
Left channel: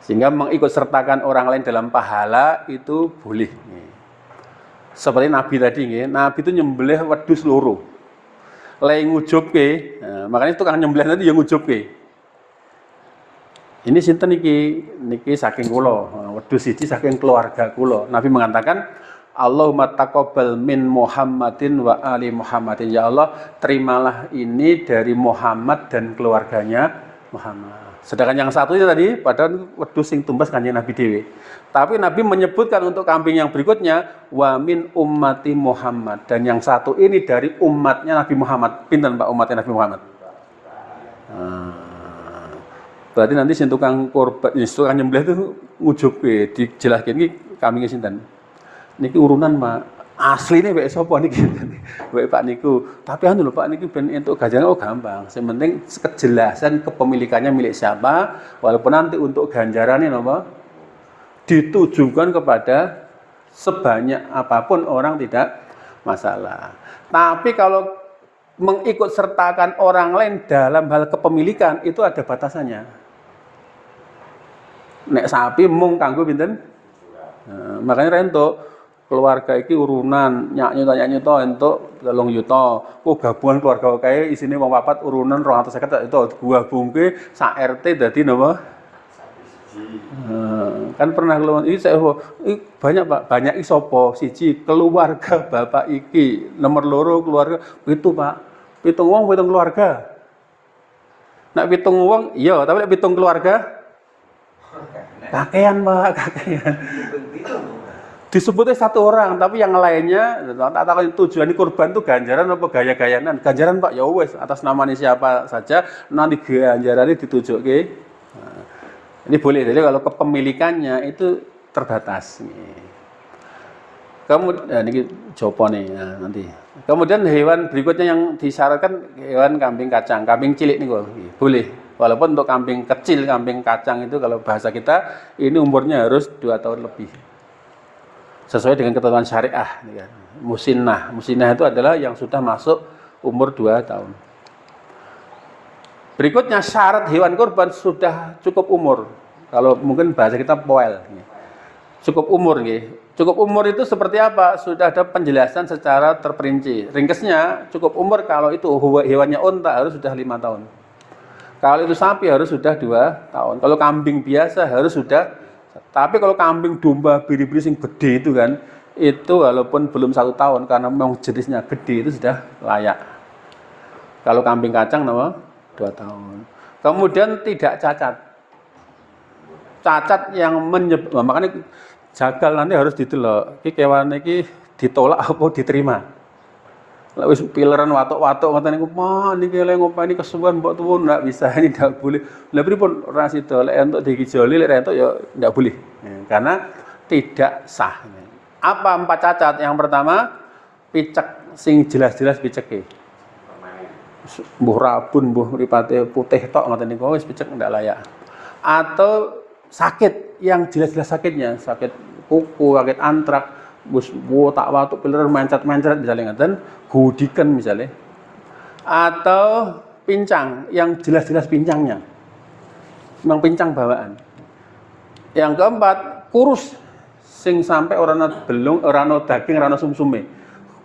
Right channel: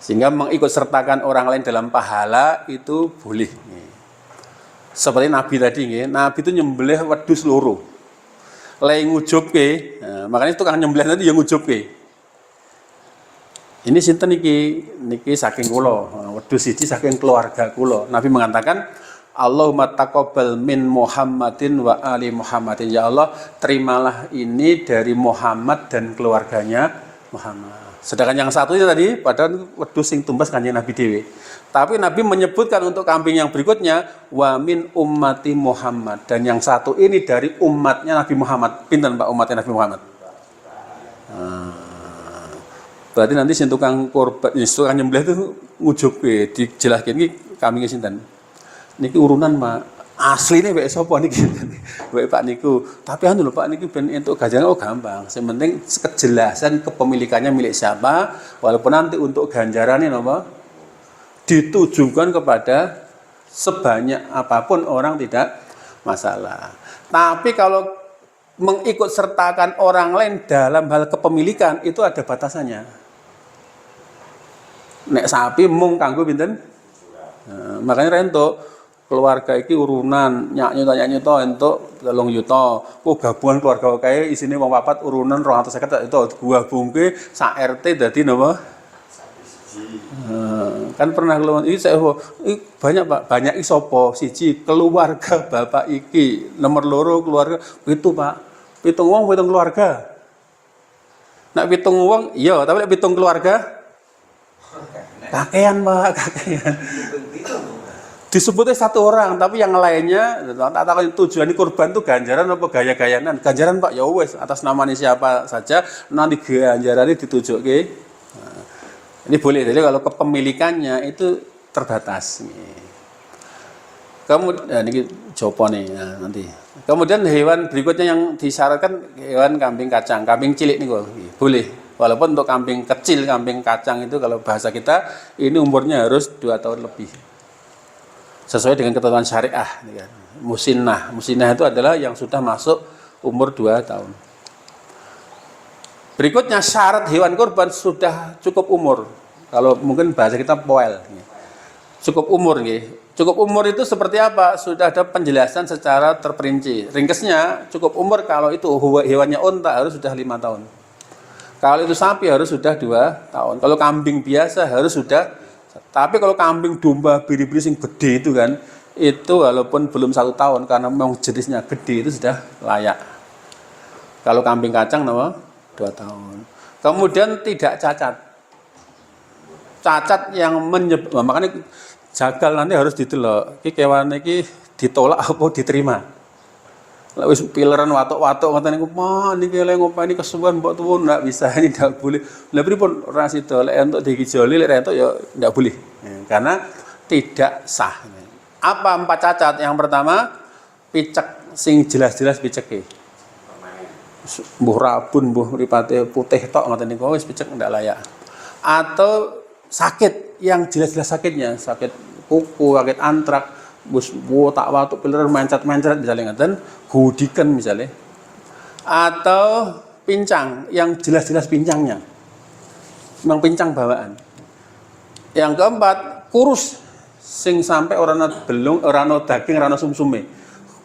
Sehingga mengikut sertakan orang lain dalam pahala itu boleh. Seperti Nabi tadi nggih, Nabi itu nyembelih wedhus loro. Lek ngujubke, nah, makanya tukang nyembelih tadi yang ngujubke. Ini sinten niki saking kula, wedhus siji saking keluarga kula. Nabi mengatakan, Allahumma taqabbal min Muhammadin wa ali Muhammadin. Ya Allah, terimalah ini dari Muhammad dan keluarganya Muhammad. Sedangkan yang satu itu tadi padahal wedhus sing tumbas kanjeng Nabi dhewe. Tapi Nabi menyebutkan untuk kambing yang berikutnya wa min ummati Muhammad, dan yang satu ini dari umatnya Nabi Muhammad. Pinten Pak umatnya Nabi Muhammad? Berarti nanti sing tukang korban, tukang nyembelih itu ngujubke dijelaskan iki kambing sinten. Niki urunan Pak. Asline wek sapa niki? Wek Pak niku. Tapi anu lho Pak niki ben entuk ganjaran gampang. Sing penting kejelasan kepemilikannya milik siapa, walaupun nanti untuk ganjarannya napa ditujukan kepada sebanyak apapun orang tidak masalah. Tapi kalau mengikut sertakan orang lain dalam hal kepemilikan itu ada batasannya. Nek sapi mung kanggo pinten? Nah, makanya entuk keluarga iki urunan nyak-nyuta entuk 3 juta. Kok gabungan keluarga kae isine wong 4 urunan 250 itu gabungke sak RT dadi napa? Kan pernah keluar iki banyak Pak, banyak iki sapa? Siji keluarga bapak iki, nomor 2 keluarga itu Pak. 7 wong 7 keluarga. Nek 7 wong iya, tapi nek 7 keluarga kakean Pak, kakean. disebutnya satu orang, tapi yang lainnya tak tahu tujuan kurban itu ganjaran apa gaya-gayanan. Ganjaran Pak, ya wes atas namanya siapa saja nanti ganjaran ini ditujuke. Nah, ini boleh, jadi kalau kepemilikannya itu terbatas. Kemudian ini jopo nih nanti. Kemudian hewan berikutnya yang disyaratkan hewan kambing kacang, kambing cilik nih kok. Boleh. Walaupun untuk kambing kecil, kambing kacang itu kalau bahasa kita ini umurnya harus 2 tahun lebih. Sesuai dengan ketentuan syariah. Musinnah itu adalah yang sudah masuk umur 2 tahun. Berikutnya syarat hewan kurban sudah cukup umur. Kalau mungkin bahasa kita poel. Cukup umur nih. Cukup umur itu seperti apa? Sudah ada penjelasan secara terperinci. Ringkesnya cukup umur kalau itu hewannya unta harus sudah 5 tahun. Kalau itu sapi harus sudah 2 tahun. Kalau kambing biasa harus sudah. Tapi kalau kambing domba biri-biri sing gede itu kan, itu walaupun belum 1 tahun karena memang jenisnya gede itu sudah layak. Kalau kambing kacang nama 2 tahun. Kemudian tidak cacat. Cacat yang menyebabkan, makanya jagal nanti harus ditelok. Iki kewan iki ditolak apa diterima. Lah wis pileran watuk-watuk ngoten niku, "Mah niki lek ngopeni kesuwen mbok tuwun ndak bisa, ini ndak boleh." Lah pripun ora sida lek entuk digijoli lek entuk ya ndak boleh. Karena tidak sah. Apa 4 cacat? Yang pertama, picek sing jelas-jelas piceke. Mbuh rabun, mbuh mripate putih tok ngoten niku wis picek ndak layak. Atau sakit yang jelas-jelas sakitnya, sakit kuku, sakit antrak, bus tak watuk piler mencet-mencet misalnya ngaten, gudikan misalnya. Atau pincang yang jelas-jelas pincangnya. Memang pincang bawaan. Yang keempat, kurus sing sampai orana belung, orana daging, orana sumsume.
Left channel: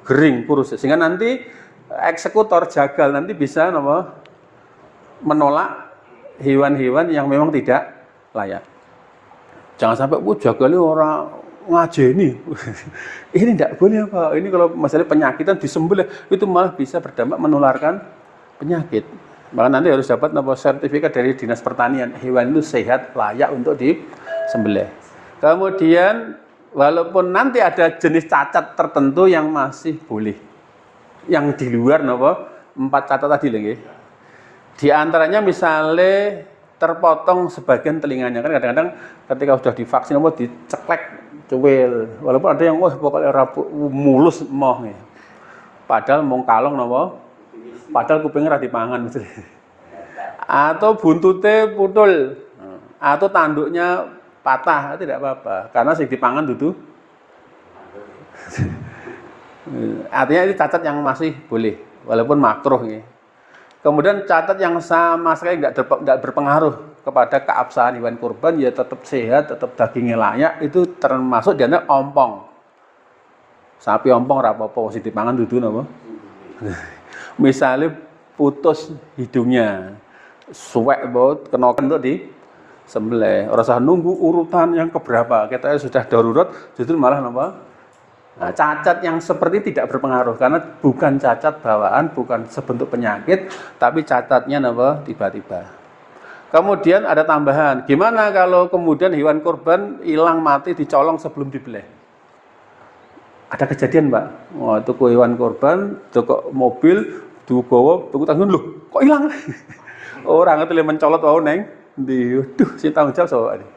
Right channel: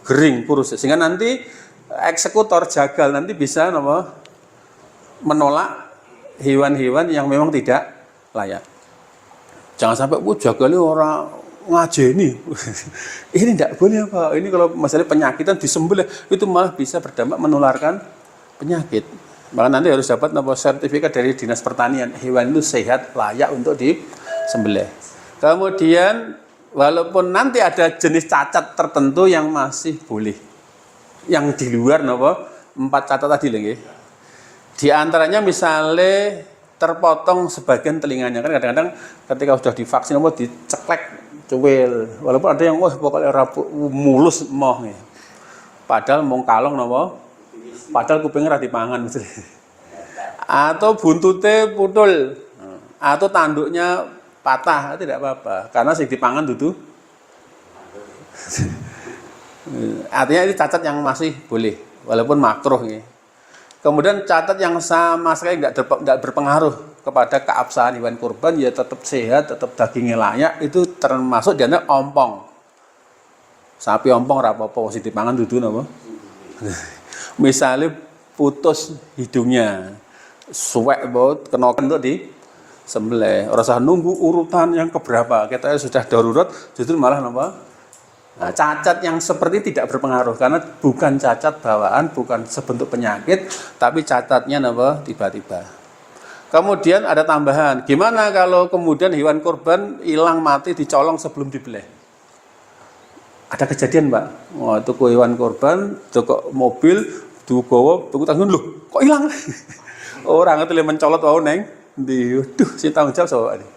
Gering kurus sehingga nanti eksekutor jagal nanti bisa menolak hewan-hewan yang memang tidak layak. Jangan sampai jagalnya orang ngajeni. Ini tidak boleh apa? Ini kalau masalah penyakitan disembelih itu malah bisa berdampak menularkan penyakit. Maka nanti harus dapat sertifikat dari Dinas Pertanian hewan itu sehat layak untuk disembelih. Kemudian walaupun nanti ada jenis cacat tertentu yang masih boleh, yang di luar 4 cacat tadi lagi. Di antaranya misalnya terpotong sebagian telinganya, kan kadang-kadang ketika sudah divaksin diceklek cuwil, walaupun ada yang pokoknya mulus moh nih. Padahal mau kalong padahal kupingnya ra dipangan misalnya. Atau buntutnya putul, atau tanduknya patah, tidak apa-apa, karena sing dipangan itu. Artinya ini cacat yang masih boleh, walaupun makruh nih. Kemudian catat yang sama sekali nggak berpengaruh kepada keabsahan hewan kurban, ya tetap sehat, tetap dagingnya layak, itu termasuk dianggap ompong. Sapi ompong apa posisi dipangan dudu napa? Misalnya putus hidungnya, suwek banget kena kentut di sembelih. Ora usah nunggu urutan yang keberapa, kita sudah darurat, justru malah napa? Nah, cacat yang seperti tidak berpengaruh karena bukan cacat bawaan, bukan sebentuk penyakit, tapi cacatnya tiba-tiba. Kemudian ada tambahan, gimana kalau kemudian hewan kurban hilang mati dicolong sebelum dibelih? Ada kejadian, Pak. Wah, tuku hewan kurban, tuku mobil, tuku tanggung loh, kok hilang? Orang itu mencolot wau neng, si tanggung jawab soal ini.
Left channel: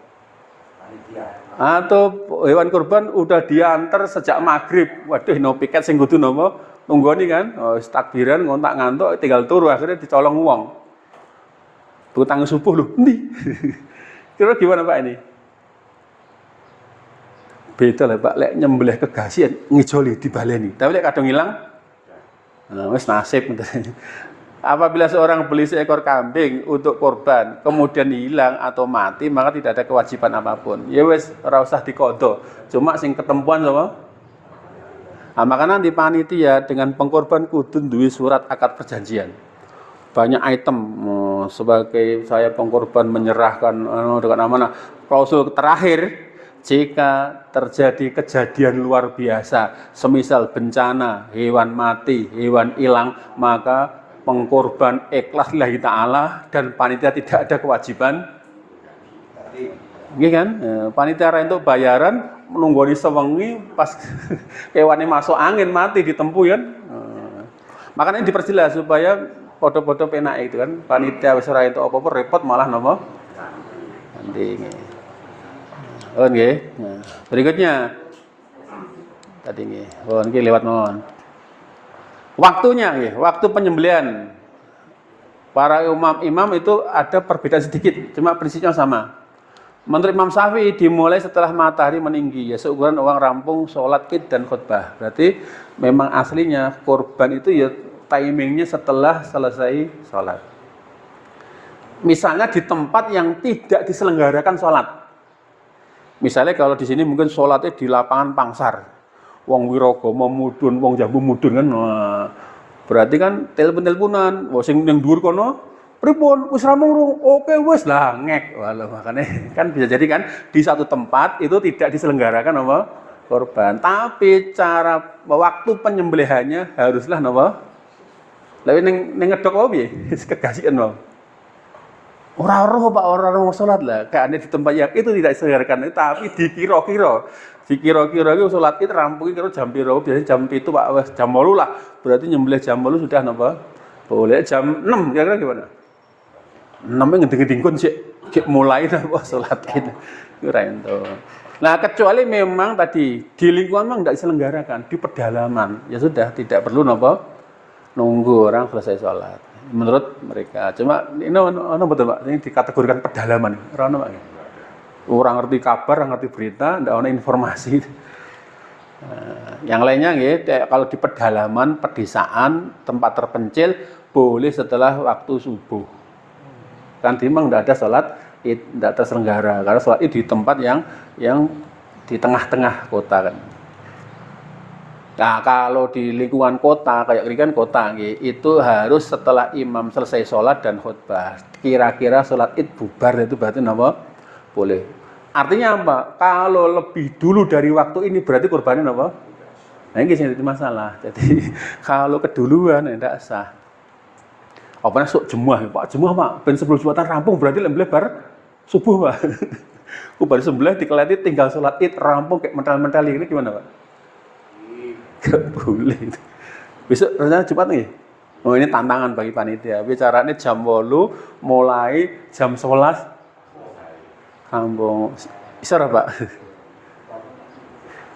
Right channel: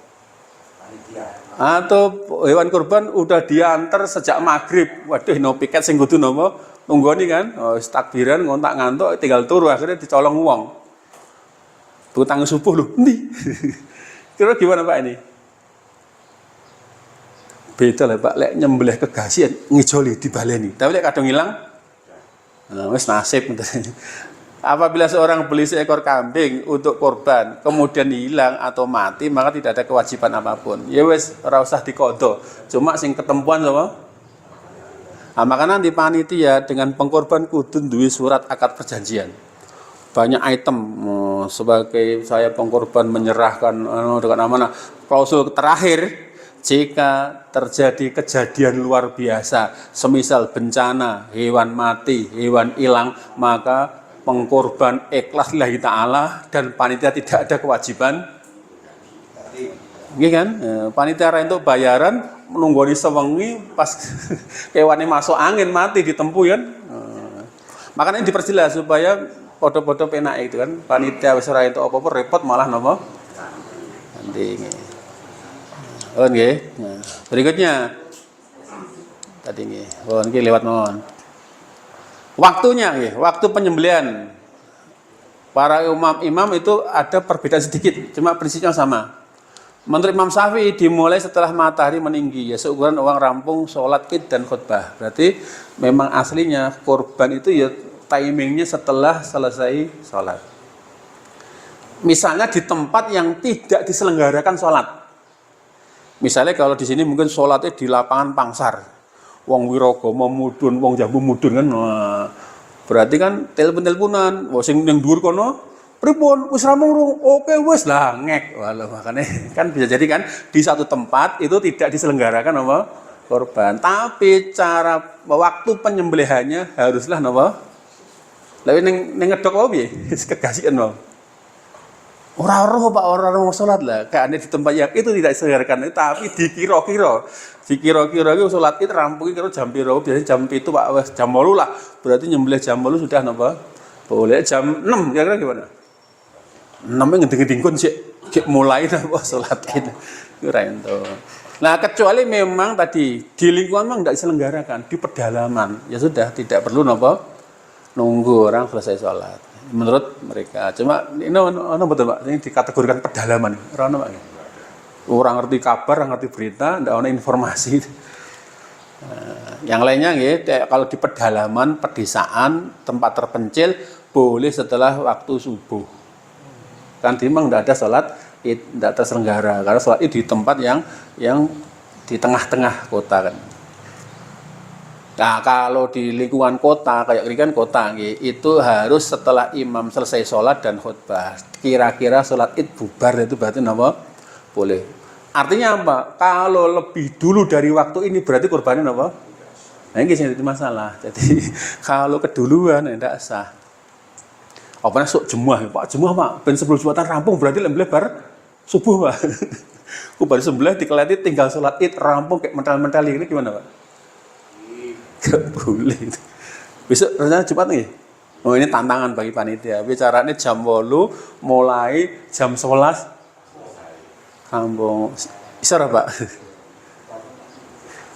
Atau hewan kurban udah diantar sejak maghrib, waduh no piket sing kudu nunggoni kan, takbiran ngontak ngantuk tinggal turu akhirnya dicolong wong. Tutang subuh lho, endi? Kira gimana Pak ini? Beda lah Pak, lek nyembelih kegasian ngijoli dibaleni, tapi lek kadung hilang, wis nasib. Apabila seorang beli seekor kambing untuk kurban, kemudian hilang atau mati, maka tidak ada kewajiban apapun. Ya wes, ora usah dikodo. Cuma sing ketempuan apa? Nah, maka nanti panitia dengan pengkorban kudu duwe surat akad perjanjian. Banyak item sebagai saya pengkorban menyerahkan dengan amanah. Klausul terakhir, jika terjadi kejadian luar biasa, semisal bencana, hewan mati, hewan hilang, maka pengkorban ikhlas lillahi ta'ala dan panitia tidak ada kewajiban. Iya kan? Panitia itu bayaran nunggoni sewengi pas kewane masuk angin mati ditempuh kan. Makanya diperjelas supaya foto-foto penak itu kan panitia wis ora entuk apa-apa repot malah napa nanti nggih. Berikutnya tadi nggih nggih lewat mawon waktunya nggih waktu penyembelihan para imam itu ada perbedaan sedikit cuma prinsipnya sama. Menurut Imam Syafi'i dimulai setelah matahari meninggi ya seukuran uang rampung sholat id dan khutbah. Berarti memang aslinya kurban itu ya timingnya setelah selesai sholat. Misalnya di tempat yang tidak diselenggarakan sholat. Misalnya kalau di sini mungkin sholatnya di lapangan Pangsar, wong Wiragama mudun, wong Jambu mudun kan, wah, berarti kan telepon-teleponan, wah sing yang dhuwur kono, pripun wis rampung rung, oke wis lah ngek, walah makanya kan bisa jadi kan di satu tempat itu tidak diselenggarakan nama korban, tapi cara waktu penyembelihannya haruslah nama, lalu neng ngedok apa ya, kegasian bang. Orang-orang Pak, orang-orang mau sholat lah, kayaknya di tempat yang itu tidak diselenggarakan, tapi dikira-kira itu sholat itu rampung kira jam piro, biasanya jam itu Pak, jam 8 lah, berarti nyembelih jam 8 sudah napa? Boleh jam 6, kira-kira gimana? 6 ngeding-ngeding kun sih, mulai napa sholat itu itu. Nah kecuali memang tadi di lingkungan memang tidak diselenggarakan, di pedalaman, ya sudah tidak perlu napa nunggu orang selesai sholat. Menurut mereka, cuma ini betul Pak, ini dikategorikan pedalaman, orang ngerti kabar, orang ngerti berita, tidak ada informasi. Yang lainnya ya, kalau di pedalaman, pedesaan, tempat terpencil, boleh setelah waktu subuh. Kan memang tidak ada sholat id, tidak terselenggara, karena sholat id di tempat yang di tengah-tengah kota kan. Nah kalau di lingkungan kota kayak ini kan kota itu harus setelah imam selesai sholat dan khutbah. Kira-kira sholat id bubar itu berarti apa? Boleh. Artinya apa? Kalau lebih dulu dari waktu ini berarti korbannya apa? Nah ini jadi masalah. Jadi kalau keduluan tidak sah. Apa sok jemuah Pak? Jemuah Pak. Ben 10 jumatan rampung berarti lebar subuh Pak. Baru sebelah dikelati tinggal sholat id rampung kayak mental-mental ini gimana Pak? Gak boleh. Besok rencana Jumat nih. Oh ini tantangan bagi panitia. Bicaranya jam 8 mulai jam 11 kampung. Isra Pak.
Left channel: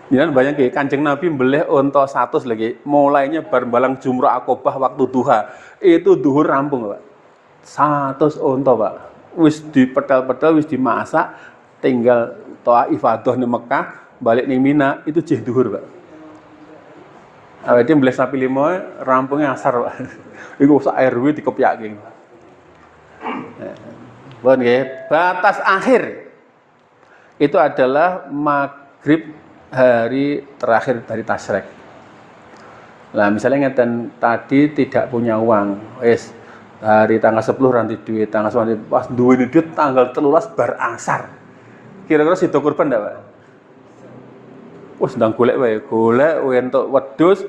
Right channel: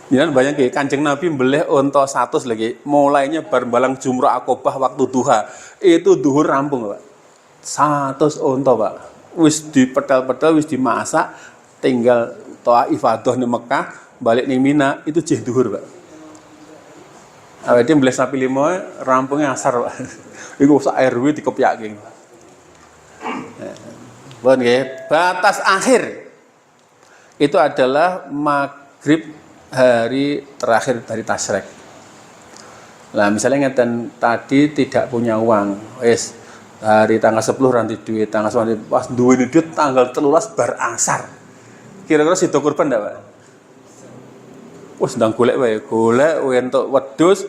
Jangan banyak ya Kanjeng Nabi mbelih unta 100 lagi. Mulainya barbalang jumrah akobah waktu duha. Itu duhur rampung Pak. 100 unta Pak. Wis dipedal-pedal, wis dimasak, tinggal toa ifadah di Mekah, balik di Mina itu jeh duhur Pak. Awalnya beli sapi 5 rampungnya asar Pak. Iku sak RW dikepyake. Bon nggih, batas akhir itu adalah maghrib hari terakhir dari tasyrik. Nah, misalnya ngeten tadi tidak punya uang, wis hari tanggal 10 ranti duit, tanggal 9 pas duwe duit tanggal 13 bar asar. Kira-kira sido kurban ndak Pak? Sedang golek entuk wedhus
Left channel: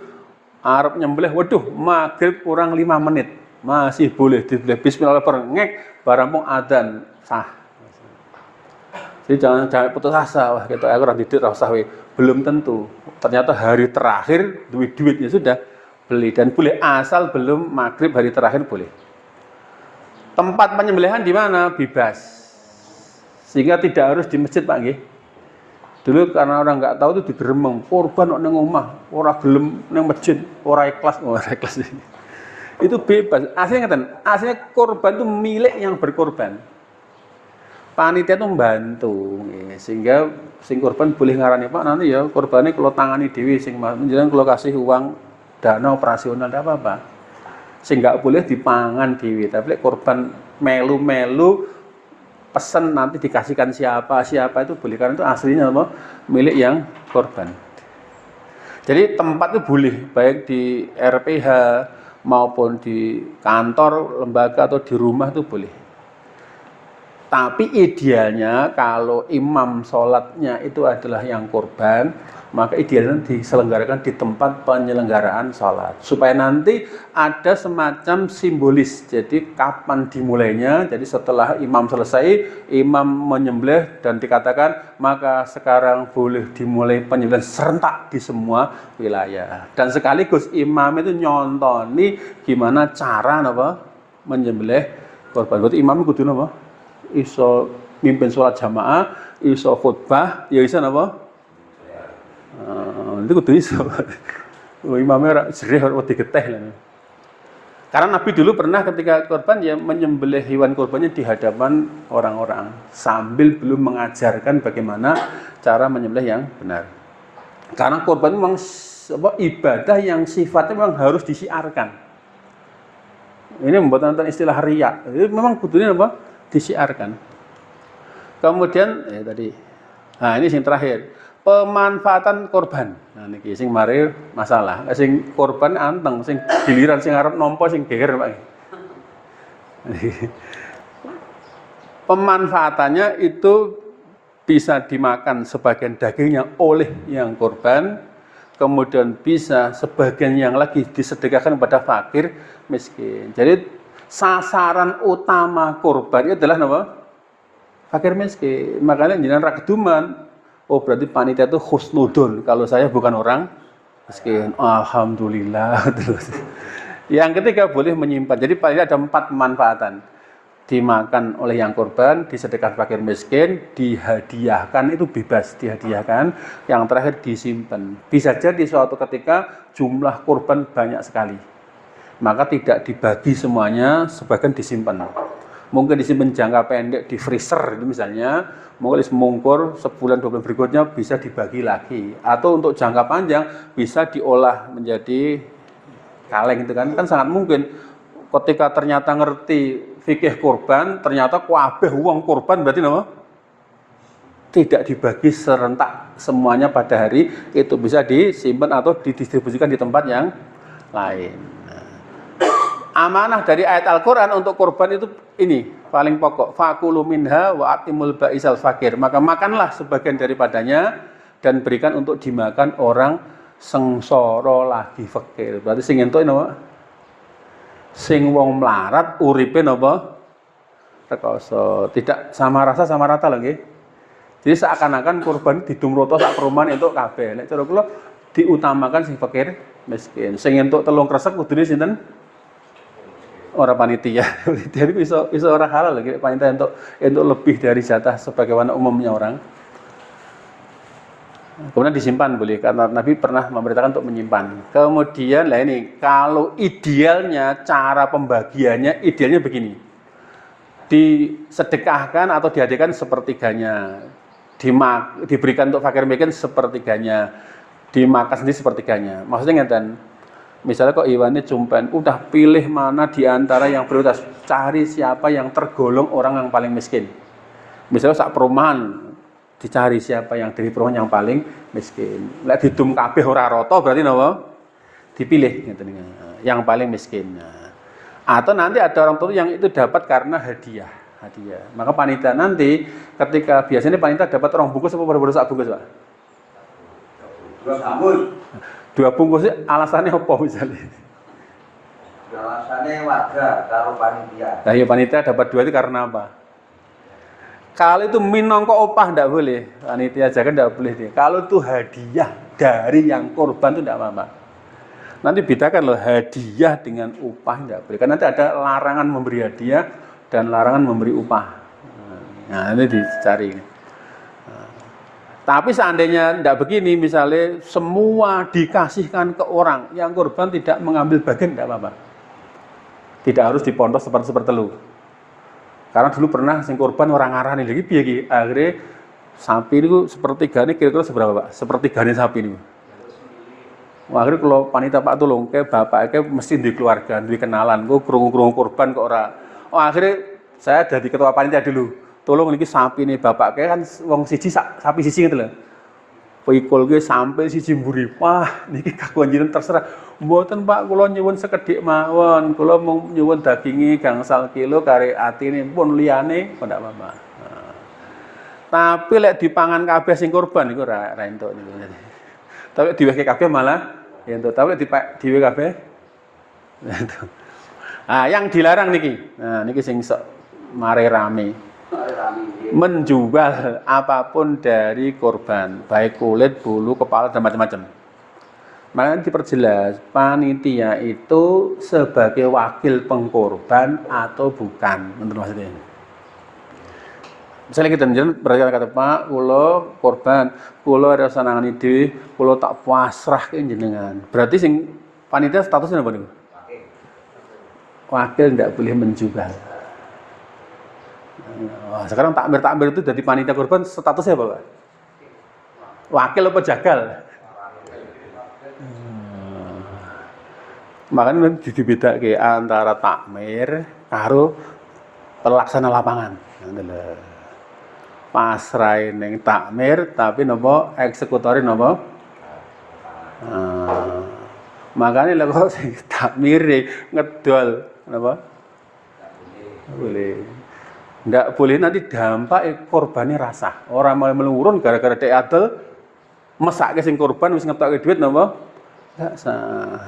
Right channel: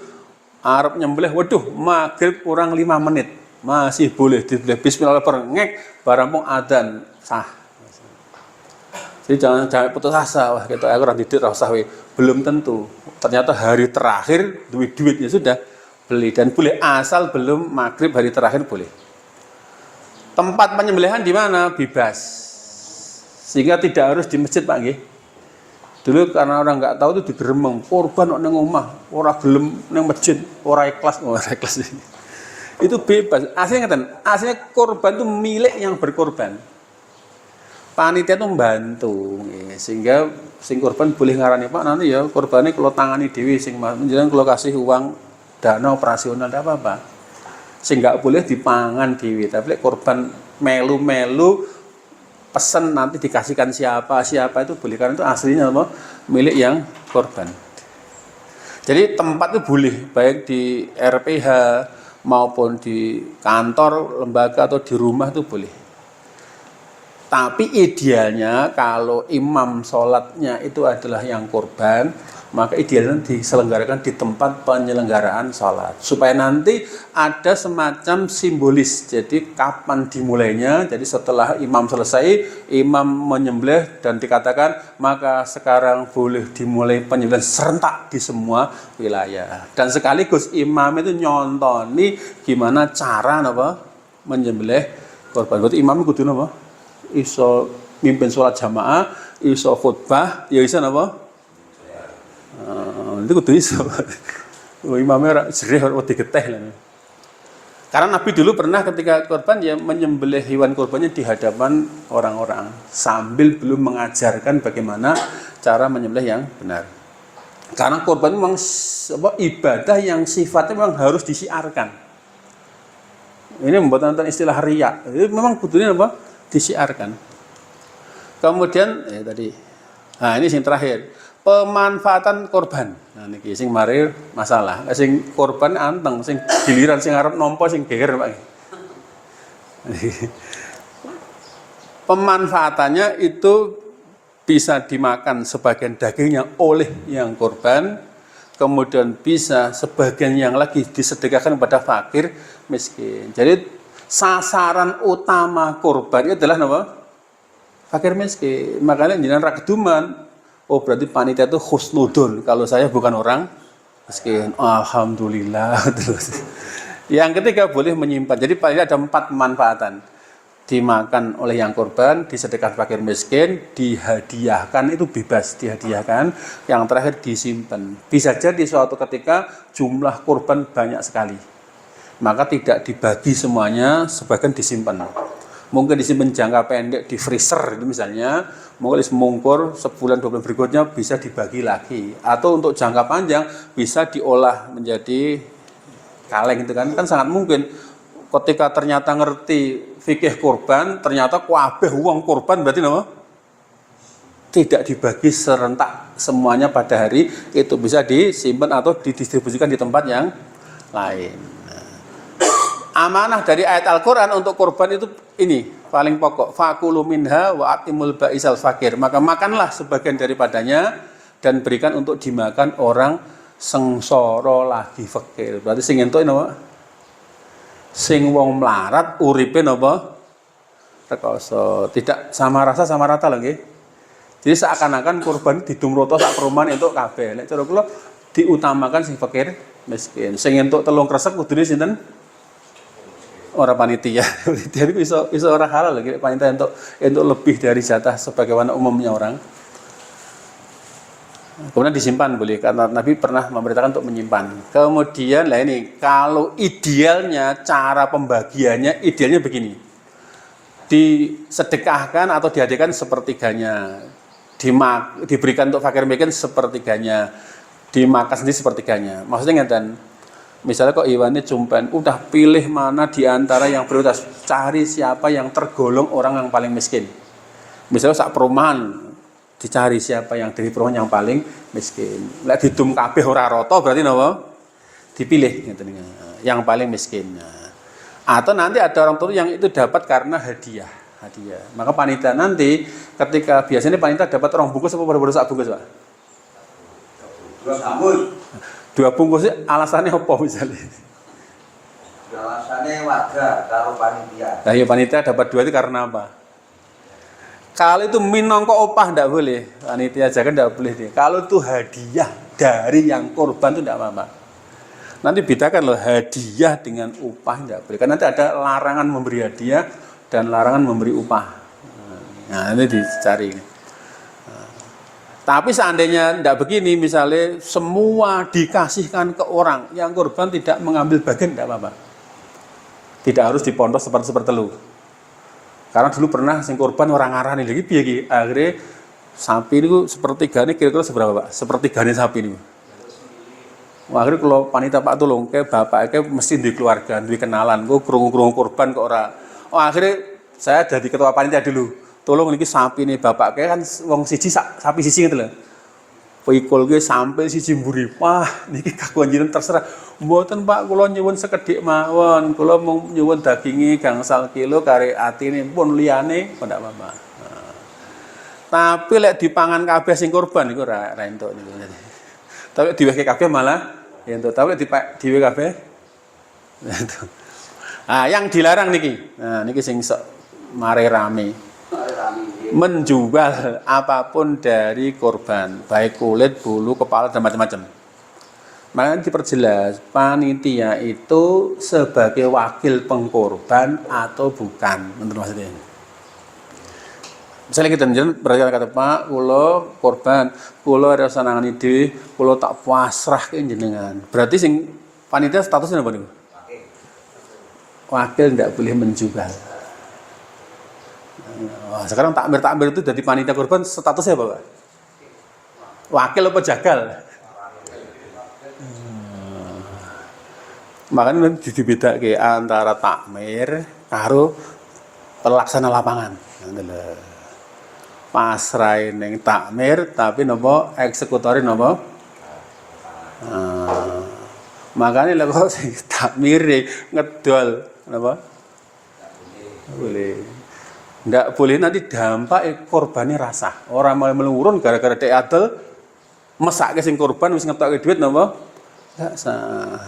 arep nyembelih, waduh maghrib kurang 5 menit masih boleh disembelih bismillahirrahmanirrahim barang mau adzan sah. Jadi jangan putus asa, wah kita aku ora didik ora usah belum tentu. Ternyata hari terakhir duit ya sudah beli dan boleh asal belum maghrib hari terakhir boleh. Tempat penyembelihan di mana? Bebas. Sehingga tidak harus di masjid Pak nggih. Dulu karena orang nggak tahu itu digeremeng, korban kok neng omah, orang gelem neng masjid, orang ikhlas. Itu bebas. Aslinya ngeten, aslinya korban itu milik yang berkorban. Panitia itu membantu, sehingga sing korban boleh ngarani Pak nanti ya korbannya kalau tangani dewi, sing menjelang kalau kasih uang dana operasional tidak apa-apa. Sing nggak boleh dipangan dewi, tapi korban melu-melu pesan nanti dikasihkan siapa itu boleh, karena itu aslinya apa milik yang korban. Jadi tempat itu boleh baik di RPH maupun di kantor lembaga atau di rumah itu boleh. Tapi idealnya kalau imam sholatnya itu adalah yang kurban, maka idealnya diselenggarakan di tempat penyelenggaraan sholat. Supaya nanti ada semacam simbolis, jadi kapan dimulainya, jadi setelah imam selesai, imam menyembelih dan dikatakan, maka sekarang boleh dimulai penyembelihan serentak di semua wilayah. Dan sekaligus imam itu nyontoni gimana cara menyembelih korban. Berarti imam kudu iso mimpin sholat jamaah, iso khutbah, ya iso itu kudu iso. Imamnya jerih wedi geteh lah. Karena Nabi dulu pernah ketika korban ya menyembelih hewan korbannya di hadapan orang-orang sambil belum mengajarkan bagaimana cara menyembelih yang benar. Karena korban memang ibadah yang sifatnya memang harus disiarkan. Ini membuat tentang istilah riya. Jadi memang kudunya disiarkan. Kemudian tadi. Nah, ini yang terakhir. Pemanfaatan korban. Nah, niki sing mari masalah. Sing korban anteng, sing giliran sing arep nampa sing geger, Pak. Pemanfaatannya itu bisa dimakan sebagian dagingnya oleh yang korban, kemudian bisa sebagian yang lagi disedekahkan kepada fakir miskin. Jadi sasaran utama korban itu adalah fakir miskin. Makanya jangan rakeduman. Oh berarti panitia itu husnudon. Kalau saya bukan orang miskin. Alhamdulillah. Terus. Yang ketiga boleh menyimpan. Jadi paling ada 4 pemanfaatan. Dimakan oleh yang korban, disedekahkan fakir miskin, dihadiahkan itu bebas dihadiahkan. Yang terakhir disimpan. Bisa jadi suatu ketika jumlah korban banyak sekali. Maka tidak dibagi semuanya, sebagian disimpan. Mungkin disimpan jangka pendek di freezer itu misalnya, mungkin semungkur sebulan 2 bulan berikutnya bisa dibagi lagi. Atau untuk jangka panjang bisa diolah menjadi kaleng itu kan sangat mungkin. Ketika ternyata ngerti fikih kurban, ternyata kabeh uang kurban berarti tidak dibagi serentak semuanya pada hari itu, bisa disimpan atau didistribusikan di tempat yang lain. Amanah dari ayat Al-Quran untuk kurban itu ini paling pokok. Fakulu minha wa atimul ba'isal fakir. Maka makanlah sebagian daripadanya dan berikan untuk dimakan orang sengsara lagi fakir. Berarti sing entuk sing wong melarat uripe rekoso. Tidak sama rasa sama rata lagi. Jadi seakan-akan kurban didumroto sak perumahan entuk kabeh. Nek cara kula diutamakan sing fakir miskin. Sing entuk telung kresek kudune sinten? Orang panitia. Panitia itu iso ora halal lagi. Panitia untuk lebih dari jatah sebagaimana umumnya orang. Kemudian disimpan boleh, karena Nabi pernah memberitakan untuk menyimpan. Kemudian lah ini, kalau idealnya cara pembagiannya idealnya begini. Disedekahkan atau dihadiahkan sepertiganya. Diberikan untuk fakir miskin sepertiganya. Dimakan sendiri sepertiganya. Maksudnya ngeten. Misalnya kok Iwannya cumpen, udah pilih mana di antara yang prioritas. Cari siapa yang tergolong orang yang paling miskin. Misalnya sak perumahan dicari siapa yang dari perumahan yang paling miskin. Lek didum kabeh ora rata berarti dipilih yang paling miskin. Atau nanti ada orang tua yang itu dapat karena hadiah. Maka panitia nanti ketika biasanya panitia dapat 2 bungkus apa baru 1 bungkus, Pak? 2 bungkus alasannya apa misalnya? Alasannya warga kalau panitia. Nah, ya panitia dapat 2 itu karena apa? Kalau itu minangka opah enggak boleh. Panitia aja kan enggak boleh deh. Kalau itu hadiah dari yang korban itu enggak apa-apa. Nanti bedakan loh hadiah dengan upah enggak boleh. Karena nanti ada larangan memberi hadiah dan larangan memberi upah. Nah, ini dicari. Tapi seandainya enggak begini, misalnya semua dikasihkan ke orang, yang korban tidak mengambil bagian enggak apa-apa. Tidak harus dipondok seperti telu. Karena dulu pernah sing korban orang ngarani lagi piye iki. Akhirnya sapi niku sepertigane kira-kira seberapa, Pak? Sepertigane sapi niku. Akhirnya kalau panitia Pak tolong ke bapak mesti di keluarga, di kenalan, gue kerungu korban kok ora. Akhirnya saya jadi ketua panitia dulu. Tolong niki sapi nih bapak kan wong siji sapi siji gitu loh. Pikul gue sampai siji mburi. Wah, niki kakuan jenengan terserah. Mboten Pak, kula nyuwun sekedhik mawon. Kula mung nyuwun daginge gangsal kilo kare atinipun liyane kok ndak apa-apa. Tapi lek dipangan kabeh sing kurban iku ra entuk niku. Tapi diwehke kabeh malah entuk. Tapi diwe kabeh. Yang dilarang niki. Nah, niki sing sok mare rame. Menjual apapun dari korban, baik kulit, bulu, kepala dan macam-macam. Makanya diperjelas, panitia itu sebagai wakil pengkorban atau bukan, menurut maksudnya. Misalnya kita berarti kata Pak, kula korban, kula rasa nangani dhewe, kula tak pasrah ke jenengan. Berarti sing panitia statusnya apa niku? Wakil tidak boleh menjual. Sekarang takmir itu dari panitia korban statusnya apa Pak? Wakil apa jagal? Makanya dibedake antara takmir karo pelaksana lapangan. Pasrai ning takmir tapi napa eksekutori napa? Makanya lek kok sing takmir ngedol napa? Boleh. Nggak boleh nanti dampak korbannya rasa. Orang mau melurun gara-gara dek adel mesake sing korban wis ngetokke duit napa? Enggak sah.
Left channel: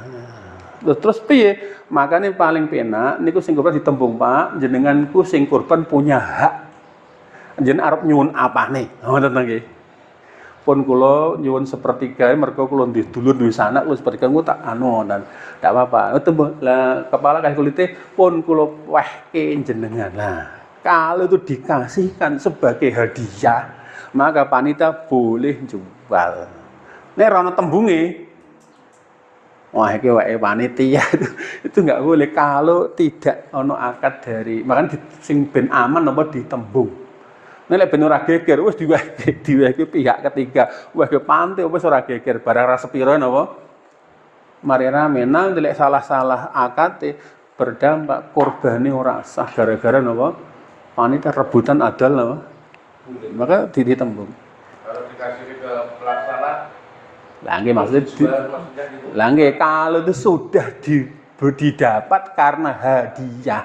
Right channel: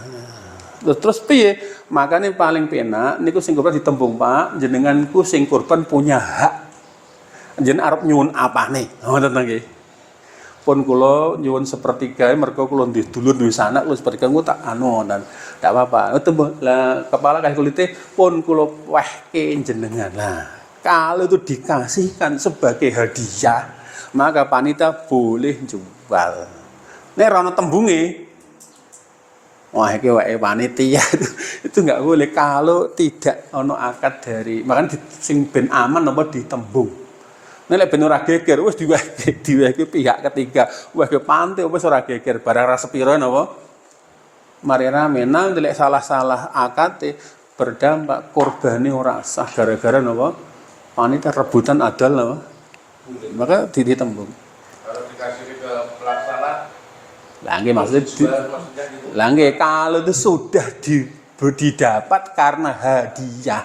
Terus piye? Makanya paling penak niku sing korban ditembung Pak, jenenganku sing korban punya hak. Jeneng arep nyuwun apane? Ngoten nggih. Pun kula nyuwun sepertiga mergo kula ndih dulur duwe sanak kula sepertiga ku tak dan ndak apa-apa. Tembung lah kepala kae kulite pun kula wehke jenengan. Nah, kalau itu dikasihkan sebagai hadiah, maka panitia boleh jual. Nek ora ana tembunge, wah iki wae panitia itu enggak boleh kalau tidak ono akad dari. Makanya sing ben aman napa ditembung. Nek lek ben ora geger wis diwehke pihak ketiga. Wah ke pantai wis ora geger barang ra sepiro napa. Mari rame nang lek salah-salah akad berdampak korbane ora sah gara-gara napa? Panitia rebutan adal napa? Maka ditembung. Kalau dikasih ke pelaksana, Nggih maksudnya nggih kalau itu sudah didapat karena hadiah.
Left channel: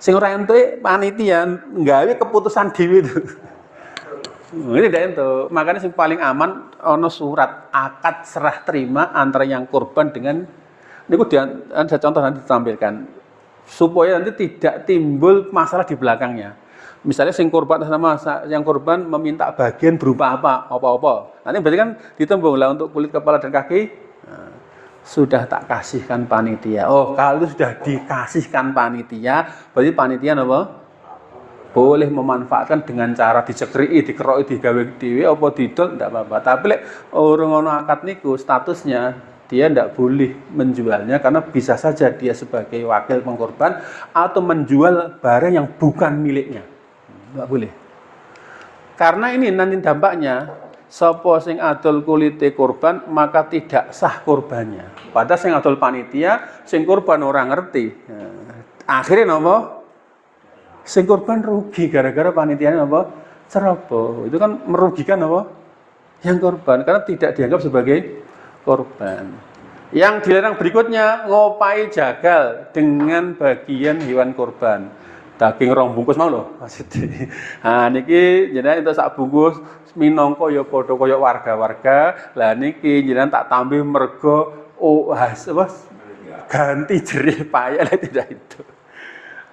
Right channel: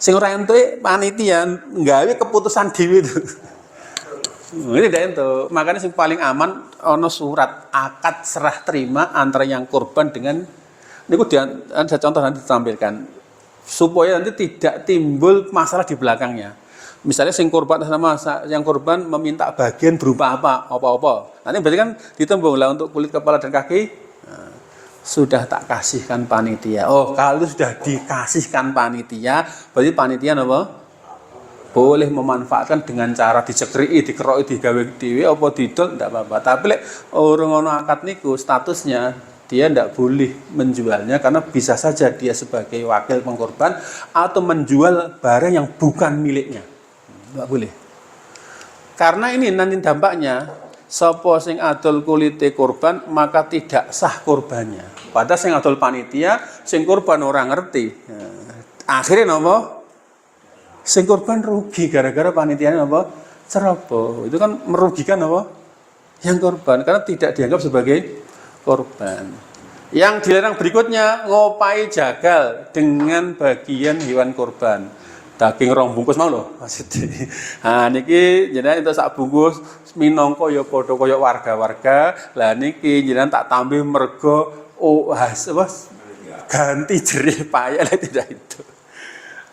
Sing ora entuk panitia nggawe keputusan dhewe itu. Ini ndak entuk. Makanya sing paling aman ana surat akad serah terima antara yang korban dengan niku ada contoh nanti ditampilkan. Supaya nanti tidak timbul masalah di belakangnya. Misalnya sing korban sama yang korban meminta bagian berupa apa. Nanti berarti kan ditembung lah untuk kulit kepala dan kaki. Nah, sudah tak kasihkan panitia. Oh, kalau sudah dikasihkan panitia, berarti panitia apa? Boleh memanfaatkan dengan cara dicekri, dikeroki, digawe dhewe apa didol ndak apa-apa. Tapi lek orang ono akad niku statusnya dia tidak boleh menjualnya karena bisa saja dia sebagai wakil pengkorban atau menjual barang yang bukan miliknya. Tidak boleh. Karena ini nanti dampaknya sapa sing adol kulite korban maka tidak sah korbannya. Padahal sing adol panitia, sing korban orang ngerti. Akhirnya napa? Sing korban rugi gara-gara panitianya napa? Ceroboh. Itu kan merugikan napa? Yang korban karena tidak dianggap sebagai korban. Yang dilarang berikutnya ngopai jagal dengan bagian hewan korban. Daging rong bungkus mau lho maksudnya. Nah niki jenengan entuk sak bungkus minangka ya padha kaya warga-warga. Lah niki jenengan tak tambah mergo ganti jerih payah lek tidak itu.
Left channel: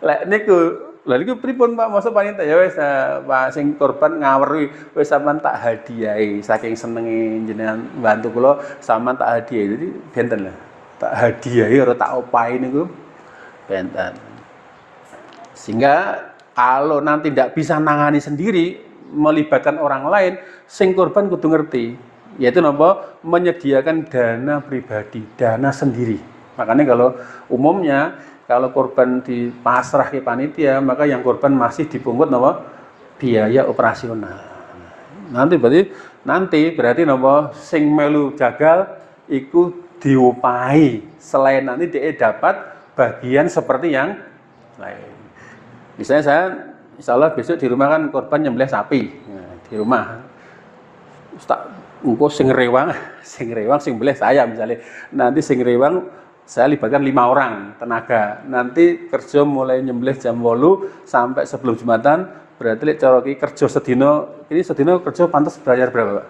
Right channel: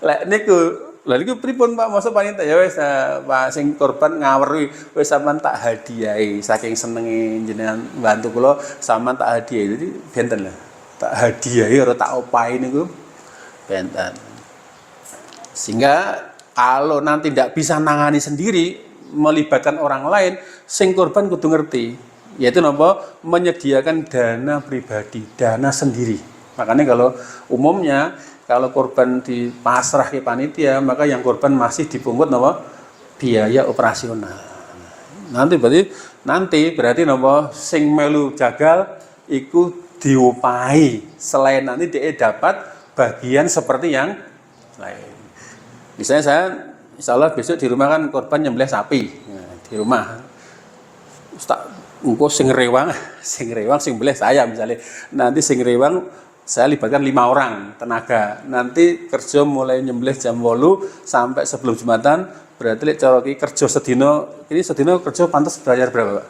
Lek niku lha niku pripun Pak masa panitia ya wis Pak sing korban ngaweri wis sampean tak hadiahi saking senenge jenengan bantu kula sampean tak hadiahi. Jadi benten lho. Tak hadiahi ora tak opahi niku benten. Sehingga kalau nanti tidak bisa nangani sendiri melibatkan orang lain, sing korban kudu ngerti, yaitu napa menyediakan dana pribadi, dana sendiri. Makanya kalau umumnya kalau korban dipasrah ke panitia, maka yang korban masih dipungut napa biaya operasional. Nanti berarti napa sing melu jagal iku diupahi selain nanti dia dapat bagian seperti yang lain. Misalnya saya insya Allah besok di rumah kan korban nyembelih sapi di rumah. engko sing rewang sing boleh saya misalnya. Nanti sing rewang saya libatkan 5 orang tenaga. Nanti kerja mulai nyembelih jam 8 sampai sebelum Jumatan. Berarti lek cara iki kerja sedina, ini sedina kerja pantas bayar berapa, Pak?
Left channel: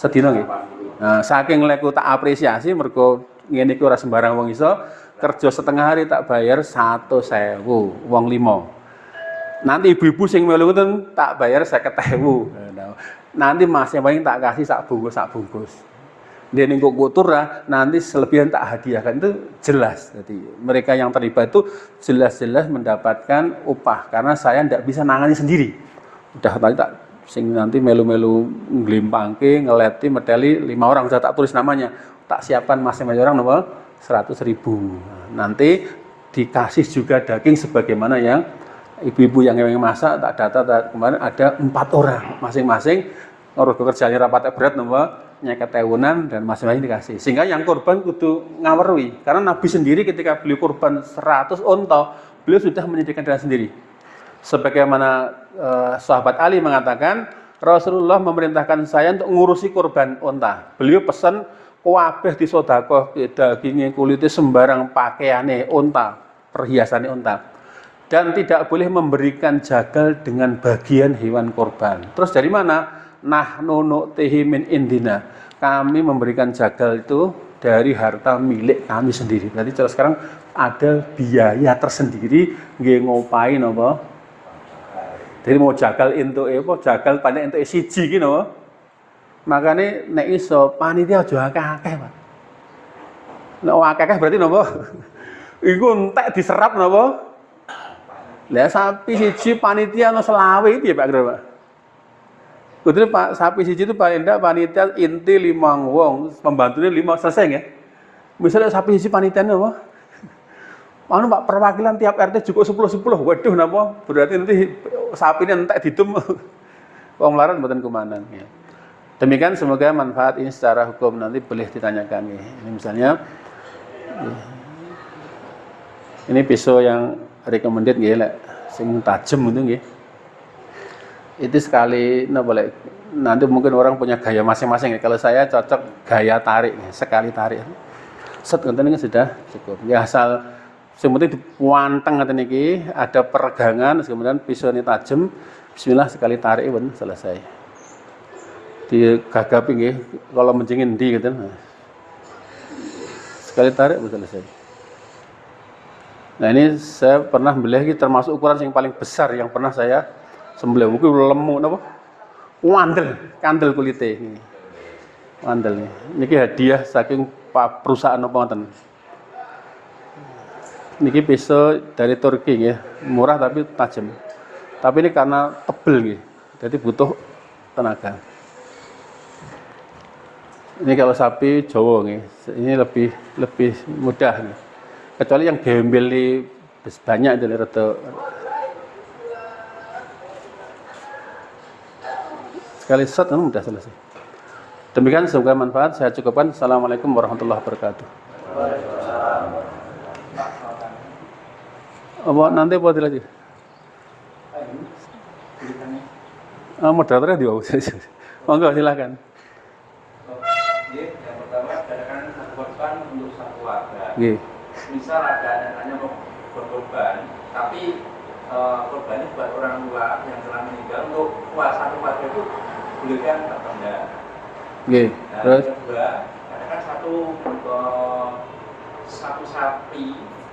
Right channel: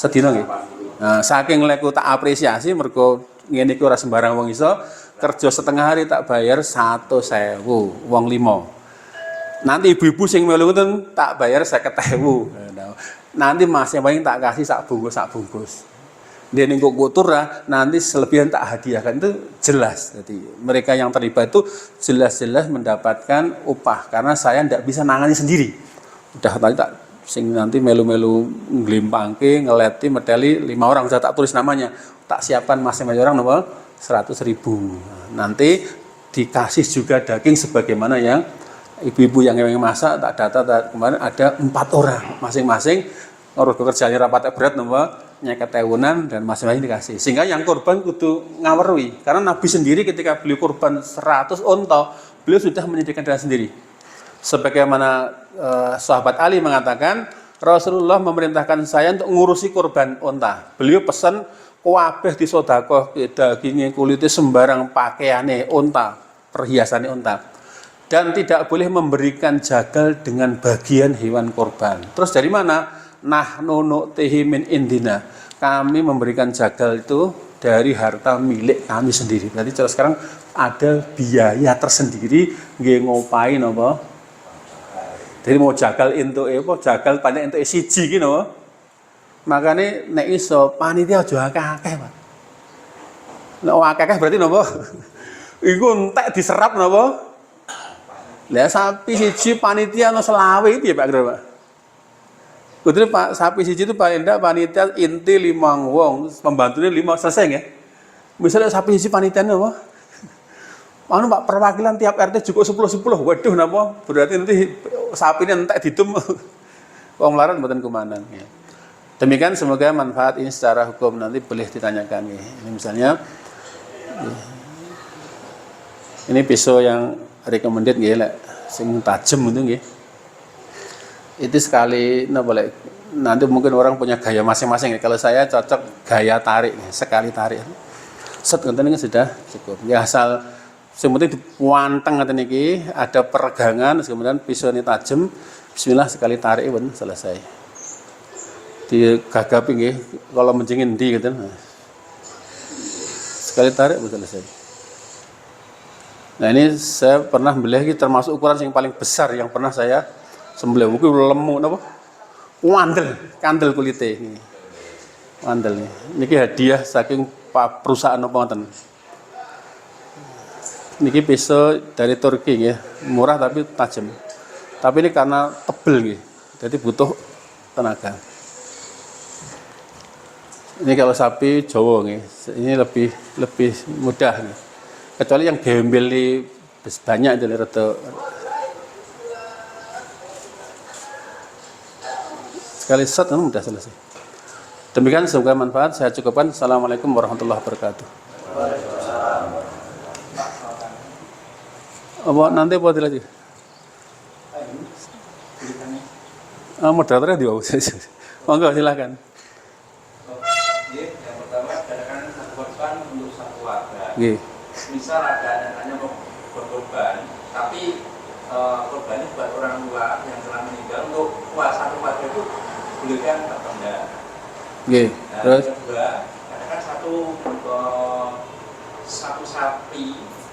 Sedina nggih. Nah, saking leku tak apresiasi mergo ngene iki ora sembarang wong iso kerja setengah hari tak bayar 100.000 wong 5. Nanti ibu-ibu sing melu ngoten tak bayar 50.000. Nanti masing-masing tak kasih sak bungkus. Dia ningkuk kotor nanti selebihan tak hadiahkan, itu jelas. Jadi mereka yang terlibat itu jelas-jelas mendapatkan upah karena saya tidak bisa nangani sendiri. Udah tadi tak sing nanti melu-melu nglimpangke, ngeleti, meteli 5 orang sudah tak tulis namanya. Tak siapkan masing-masing orang nomor 100.000. Nanti dikasih juga daging sebagaimana yang ibu-ibu yang masak, tak data kemarin ada 4 orang masing-masing ngurus kerjanya rapat berat nomor nyeket ewunan dan masing-masing dikasih. Sehingga yang korban kudu ngawerui karena Nabi sendiri ketika beliau korban 100 unta, beliau sudah menyediakan dengan sendiri. Sebagaimana sahabat Ali mengatakan, Rasulullah memerintahkan saya untuk ngurusi korban unta. Beliau pesan kabeh disedekah dagingnya, kulitnya, sembarang pakaiannya unta, perhiasannya unta. Dan tidak boleh memberikan jagal dengan bagian hewan korban. Terus dari mana? Nahnu nu'tihi min indina. Kami memberikan jagal itu dari harta milik kami sendiri. Berarti sekarang ada biaya tersendiri nggih ngopain apa? Jadi mau jagal entuk jagal panek entuk siji ki napa? Makane nek iso panitia aja akeh-akeh, Pak. Nek akeh-akeh berarti napa? Iku entek diserap napa? Lah sapi siji panitia ono 20 itu ya Pak Gro, Pak. Kudu Pak sapi siji itu paling ndak panitia inti 5 wong, pembantunya 5 selesai nggih. Misalnya sapi siji panitiane apa? Anu Pak perwakilan tiap RT cukup 10. Waduh napa? Berarti nanti sapine entek didum. Wong laran mboten kumanan nggih. Demikian semoga manfaat ini secara hukum nanti boleh ditanyakan nggih. Misalnya ini pisau yang recommended nggih lek sing tajem itu nggih. Itu sekali nanti mungkin orang punya gaya masing-masing. Kalau saya cocok gaya tarik, sekali tarik. Set ngoten ini sudah cukup. Ya asal sing penting dipuanteng ngoten iki, ada peregangan, kemudian pisau ini tajam. Bismillah sekali tarik pun selesai. Digagapi nggih, kalau menjingin ndi ngoten. Sekali tarik pun selesai. Nah ini saya pernah beli termasuk ukuran yang paling besar yang pernah saya sembelih. Mungkin lemu napa? Kandel kulite ini. Kandel ini. Niki hadiah saking perusahaan apa ngoten. Niki pisau dari Turki nggih, murah tapi tajam. Tapi ini karena tebel nggih. Jadi butuh tenaga. Ini kalau sapi Jawa nggih, ini lebih mudah nih. Kecuali yang gembel banyak itu rada sekali set kan mudah selesai. Demikian semoga manfaat. Saya cukupkan. Assalamualaikum warahmatullahi wabarakatuh. Apa nanti buat lagi? Moderatornya dia. Monggo silakan. Yang pertama katakan korban untuk satu warga. Misal ada anaknya berkorban, tapi korbannya buat orang tua yang telah meninggal, untuk satu warga itu bolehkan atau enggak? Terus yang kedua, katakan satu sapi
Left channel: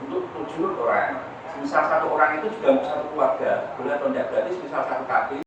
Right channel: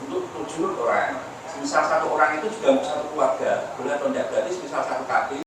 untuk 7 orang. Misal satu orang itu juga untuk satu keluarga, boleh atau enggak? Berarti misal satu kaki